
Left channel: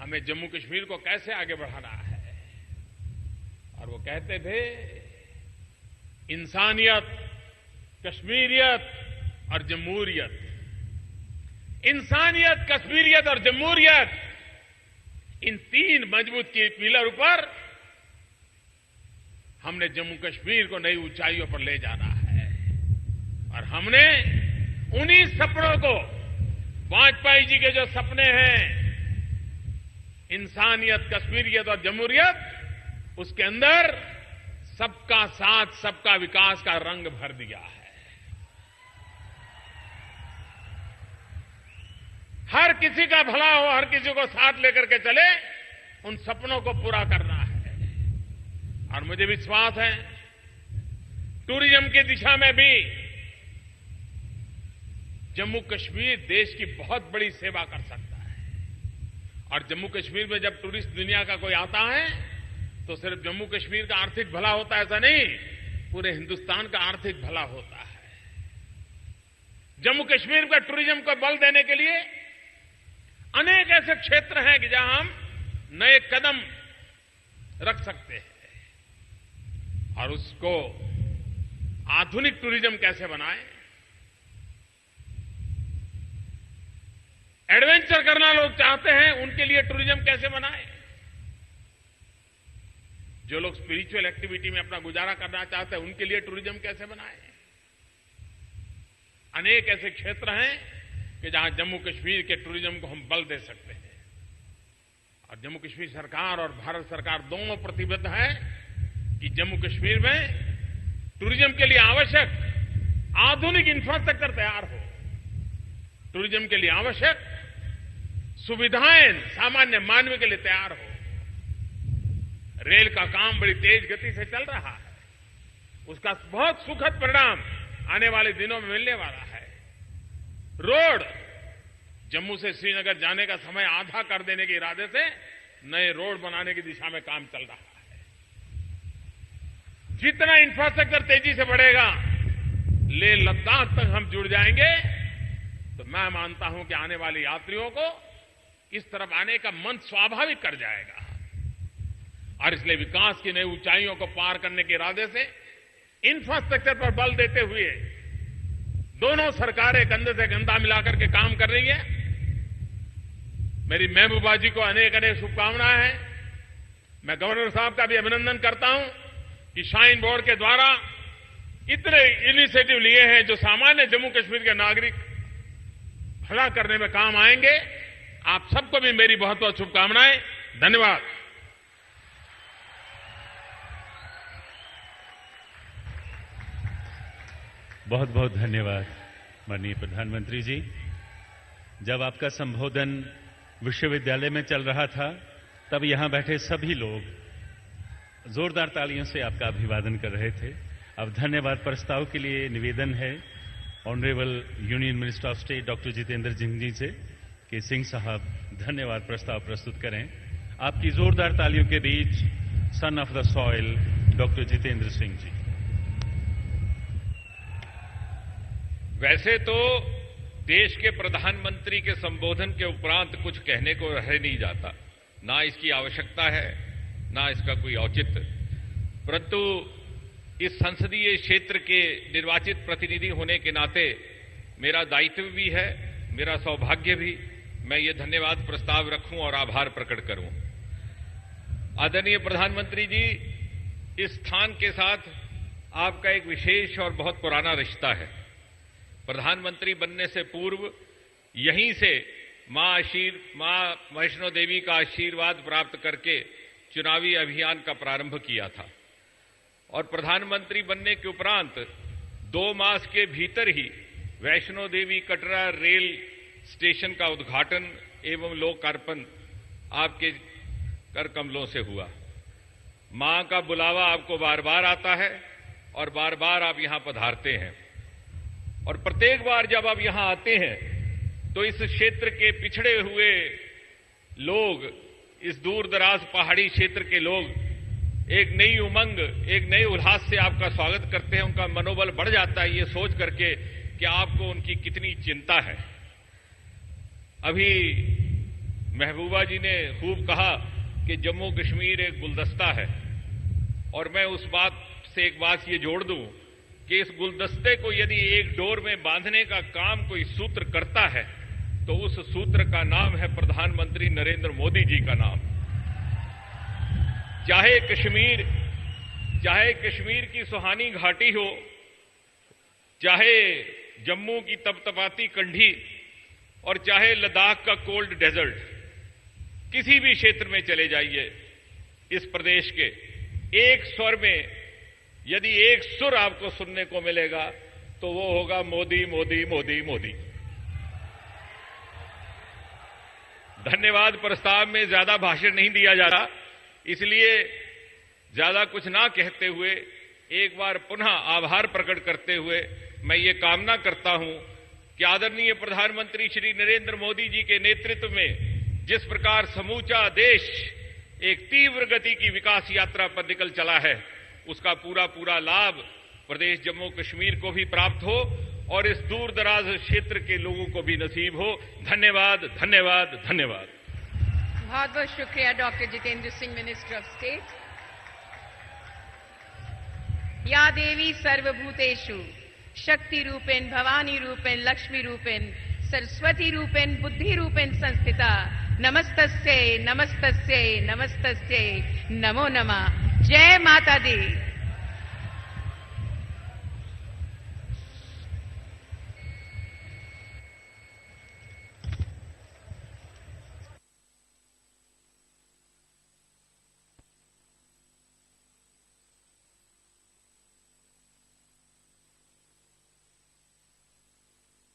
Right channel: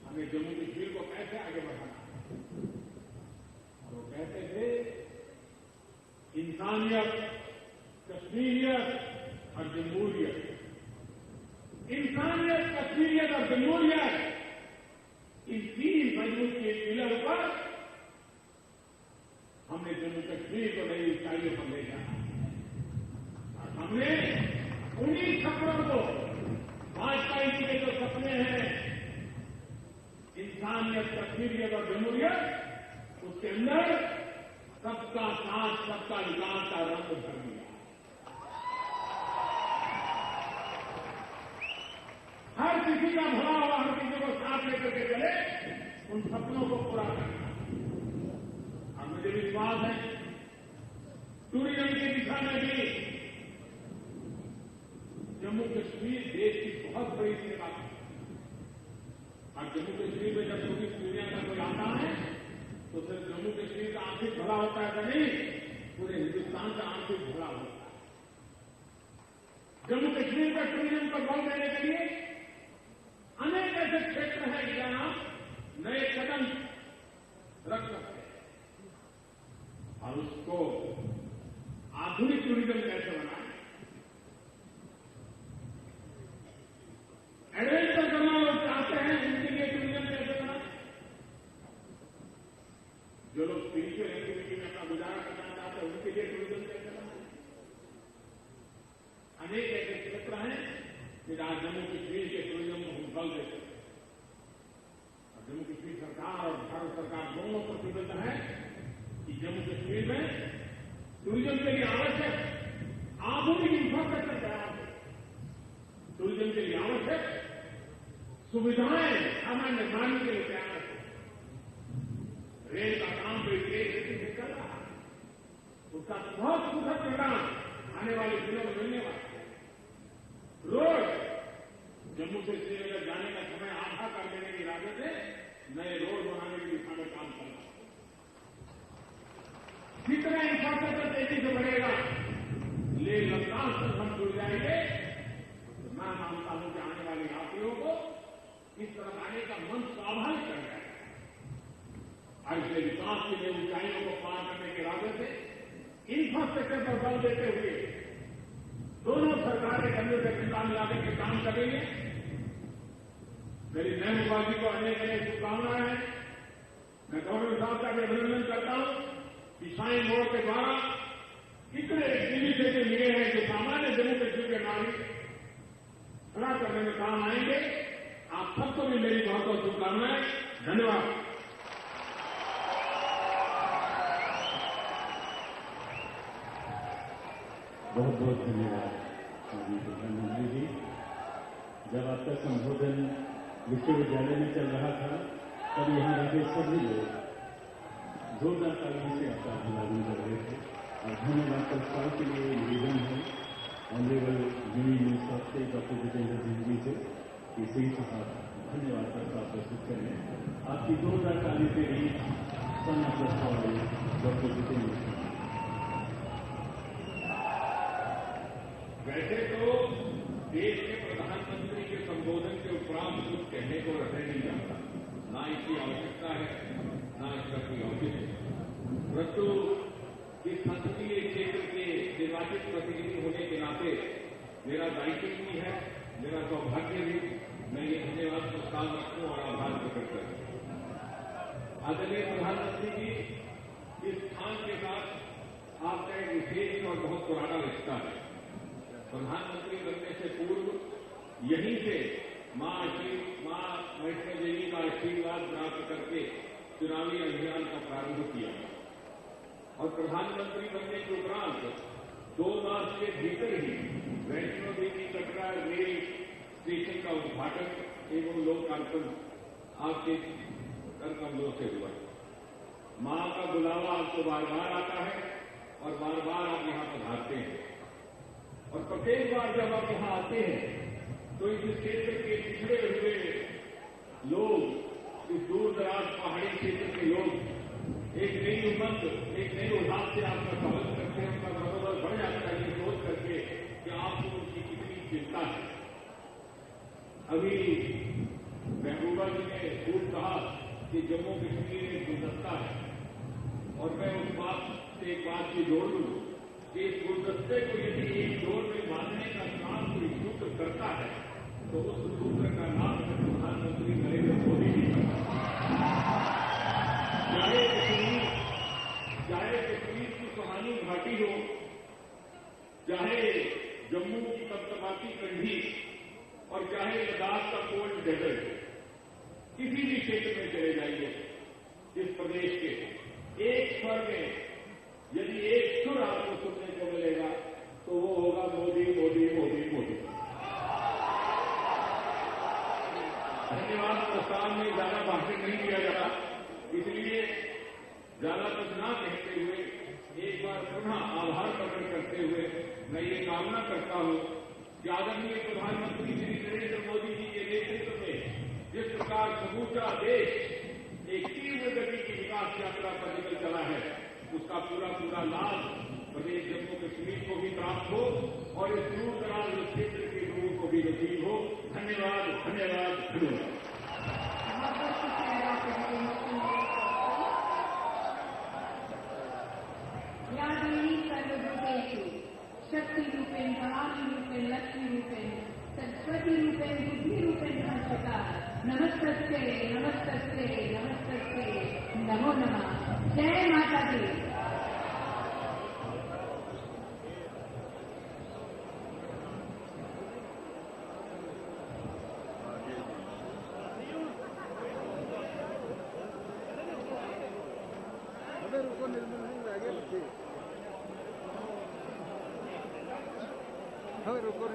हमें जम्मू कश्मीर को कैसे आगे बढ़ाना है, और वो कहते थे इंसानियत, कश्मीरियत और जमहूरियत। इंसानियत, कश्मीरियत और जमहूरियत, इन तीन मजबूत पिलर पर हमने जम्मू कश्मीर को नई ऊंचाइयों पर ले जाना है। और हमने उन्हीं सपनों को, वाजपेयी जी के जो सपने हैं, इंसानियत, कश्मीरियत और जमहूरियत, उसके अंदर सबका साथ, सबका विकास का रंग भर दिया है। हर किसी का भला हो, हर किसी को साथ लेकर के चले, उन सपनों को पूरा करना है। और मुझे विश्वास है टूरिज्म की दिशा में भी जम्मू कश्मीर देश की बहुत बड़ी सेवा कर सकता है। और जम्मू कश्मीर में जब टूरिस्ट दुनिया का कोई आता है तो सिर्फ जम्मू कश्मीर का आर्थिक भला होता है ऐसा नहीं, पूरे हिंदुस्तान का आर्थिक भला होता है। जम्मू कश्मीर पर टूरिज्म को बल देने के लिए अनेक ऐसे क्षेत्र हैं कि जहां हम नए कदम रख सकते हैं। और उसको आधुनिक टूरिज्म कैसे बनाएं, एडवेंचर करना लोग चाहते हैं, उनके लिए टूरिज्म कैसे बनाएं, जो लोग स्पिरिचुअल एक्टिविटी में अपना गुजारा करना चाहते हैं उनके लिए टूरिज्म कैसे बनाएं। अनेक ऐसे क्षेत्र हैं कि जहां जम्मू कश्मीर के टूरिज्म को हम बल दे सकते हैं। और जम्मू कश्मीर सरकार और भारत सरकार दोनों प्रतिबद्ध हैं कि जम्मू कश्मीर में टूरिज्म के लिए आवश्यक आधुनिक इंफ्रास्ट्रक्चर तैयार हो, टूरिज्म के लिए आवश्यक सुविधाएं सामान्य मानव के लिए तैयार हो। रेल का काम बड़ी तेज गति से चल रहा है, उसका बहुत सुखद परिणाम आने वाले दिनों में मिलने वाला है। रोड, जम्मू से श्रीनगर जाने का समय आधा कर देने के इरादे से नए रोड बनाने की दिशा में काम चल रहा है। जितना इंफ्रास्ट्रक्चर तेजी से बढ़ेगा, लेह लद्दाख तक हम जुड़ जाएंगे, तो मैं मानता हूं कि आने वाले यात्रियों को इस तरफ आने का मन स्वाभाविक कर जाएगा। और इसलिए विकास की नई ऊंचाइयों को पार करने के इरादे से इंफ्रास्ट्रक्चर पर बल देते हुए दोनों सरकारें कंधे से कंधा मिलाकर के काम कर रही हैं। मेरी महबूबा जी को अनेक अनेक शुभकामनाएं हैं। मैं गवर्नर साहब का भी अभिनंदन करता हूं कि श्राइन बोर्ड के द्वारा इतने इनिशिएटिव लिए हैं जो सामान्य जम्मू कश्मीर के नागरिक भला करने में काम आएंगे। आप सबको भी मेरी बहुत बहुत शुभकामनाएं। धन्यवाद। बहुत बहुत धन्यवाद माननीय प्रधानमंत्री जी। जब आपका संबोधन विश्वविद्यालय में चल रहा था तब यहां बैठे सभी लोग जोरदार तालियों से आपका अभिवादन कर रहे थे। अब धन्यवाद प्रस्ताव के लिए निवेदन है honourable union minister of state doctor Jitendra Singh ji से कि सिंह साहब धन्यवाद प्रस्ताव प्रस्तुत करें। आपकी जोरदार तालियों के बीच son of the soil doctor Jitendra Singh ji. वैसे तो देश के प्रधानमंत्री के संबोधन के उपरांत कुछ कहने को रह नहीं जाता, ना इसकी आवश्यकता है ना इसका कोई औचित्य, परंतु इस संसदीय क्षेत्र के निर्वाचित प्रतिनिधि होने के नाते मेरा दायित्व भी है, मेरा सौभाग्य भी, मैं ये धन्यवाद प्रस्ताव रखूं और आभार प्रकट करूं। आदरणीय प्रधानमंत्री जी, इस स्थान के साथ आपका एक विशेष और बहुत पुराना रिश्ता है। प्रधानमंत्री बनने से पूर्व यहीं से मां वैष्णो देवी का आशीर्वाद प्राप्त करके चुनावी अभियान का प्रारंभ किया था और प्रधानमंत्री बनने के उपरांत 2 मास के भीतर ही वैष्णो देवी कटरा रेल स्टेशन का उद्घाटन एवं लोकार्पण आपके कर कमलों से हुआ। मां का बुलावा आपको बार बार आता है और बार बार आप यहां पधारते हैं और प्रत्येक बार जब आप यहां आते हैं तो इस क्षेत्र के पिछड़े हुए लोग, इस दूर दराज पहाड़ी क्षेत्र के लोग एक नई उमंग, एक नए उल्लास से आपका स्वागत करते हैं। उनका मनोबल बढ़ जाता है ये सोच करके कि आपको उनकी कितनी चिंता है। अभी महबूबा जी ने खूब कहा कि जम्मू कश्मीर एक गुलदस्ता है और मैं उस बात से एक बात ये जोड़ दूं कि इस गुलदस्ते को यदि एक डोर में बांधने का काम कोई सूत्र करता है तो उस सूत्र का नाम है प्रधानमंत्री नरेंद्र मोदी जी का नाम। चाहे कश्मीर की सुहानी घाटी हो, चाहे जम्मू की तपतपाती कंढी और चाहे लद्दाख का कोल्ड डेजर्ट, किसी भी क्षेत्र में चले जाइए इस प्रदेश के, एक स्वर में यदि एक सुर आपको सुनने को मिलेगा तो वो होगा मोदी मोदी मोदी मोदी। धन्यवाद प्रस्ताव में ज्यादा भाषण नहीं दिया जा रहा, इसलिए ज्यादा कुछ ना कहते हुए एक बार पुनः आभार प्रकट करते हुए मैं ये कामना करता हूं कि आदरणीय प्रधानमंत्री श्री नरेंद्र मोदी जी के नेतृत्व में जिस प्रकार समूचा देश एक तीव्र गति की विकास यात्रा पर निकल चला है, उसका पूरा लाभ प्रदेश जम्मू कश्मीर को भी प्राप्त हो और इस दूर दराज क्षेत्र के लोगों को भी नसीब हो। धन्यवाद, धन्यवाद, धन्यवाद। बहुत बहुत शुक्रिया doctor Jitendra Singh, minister of state. या देवी सर्वभूतेषु शक्ति रूपेण भवानी रूपेण लक्ष्मी रूपेण सरस्वती रूपेण बुद्धि रूपेण संस्थिता नमस्तस्यै नमस्तस्यै नमस्तस्यै नमो नमः। जय माता दी। रुको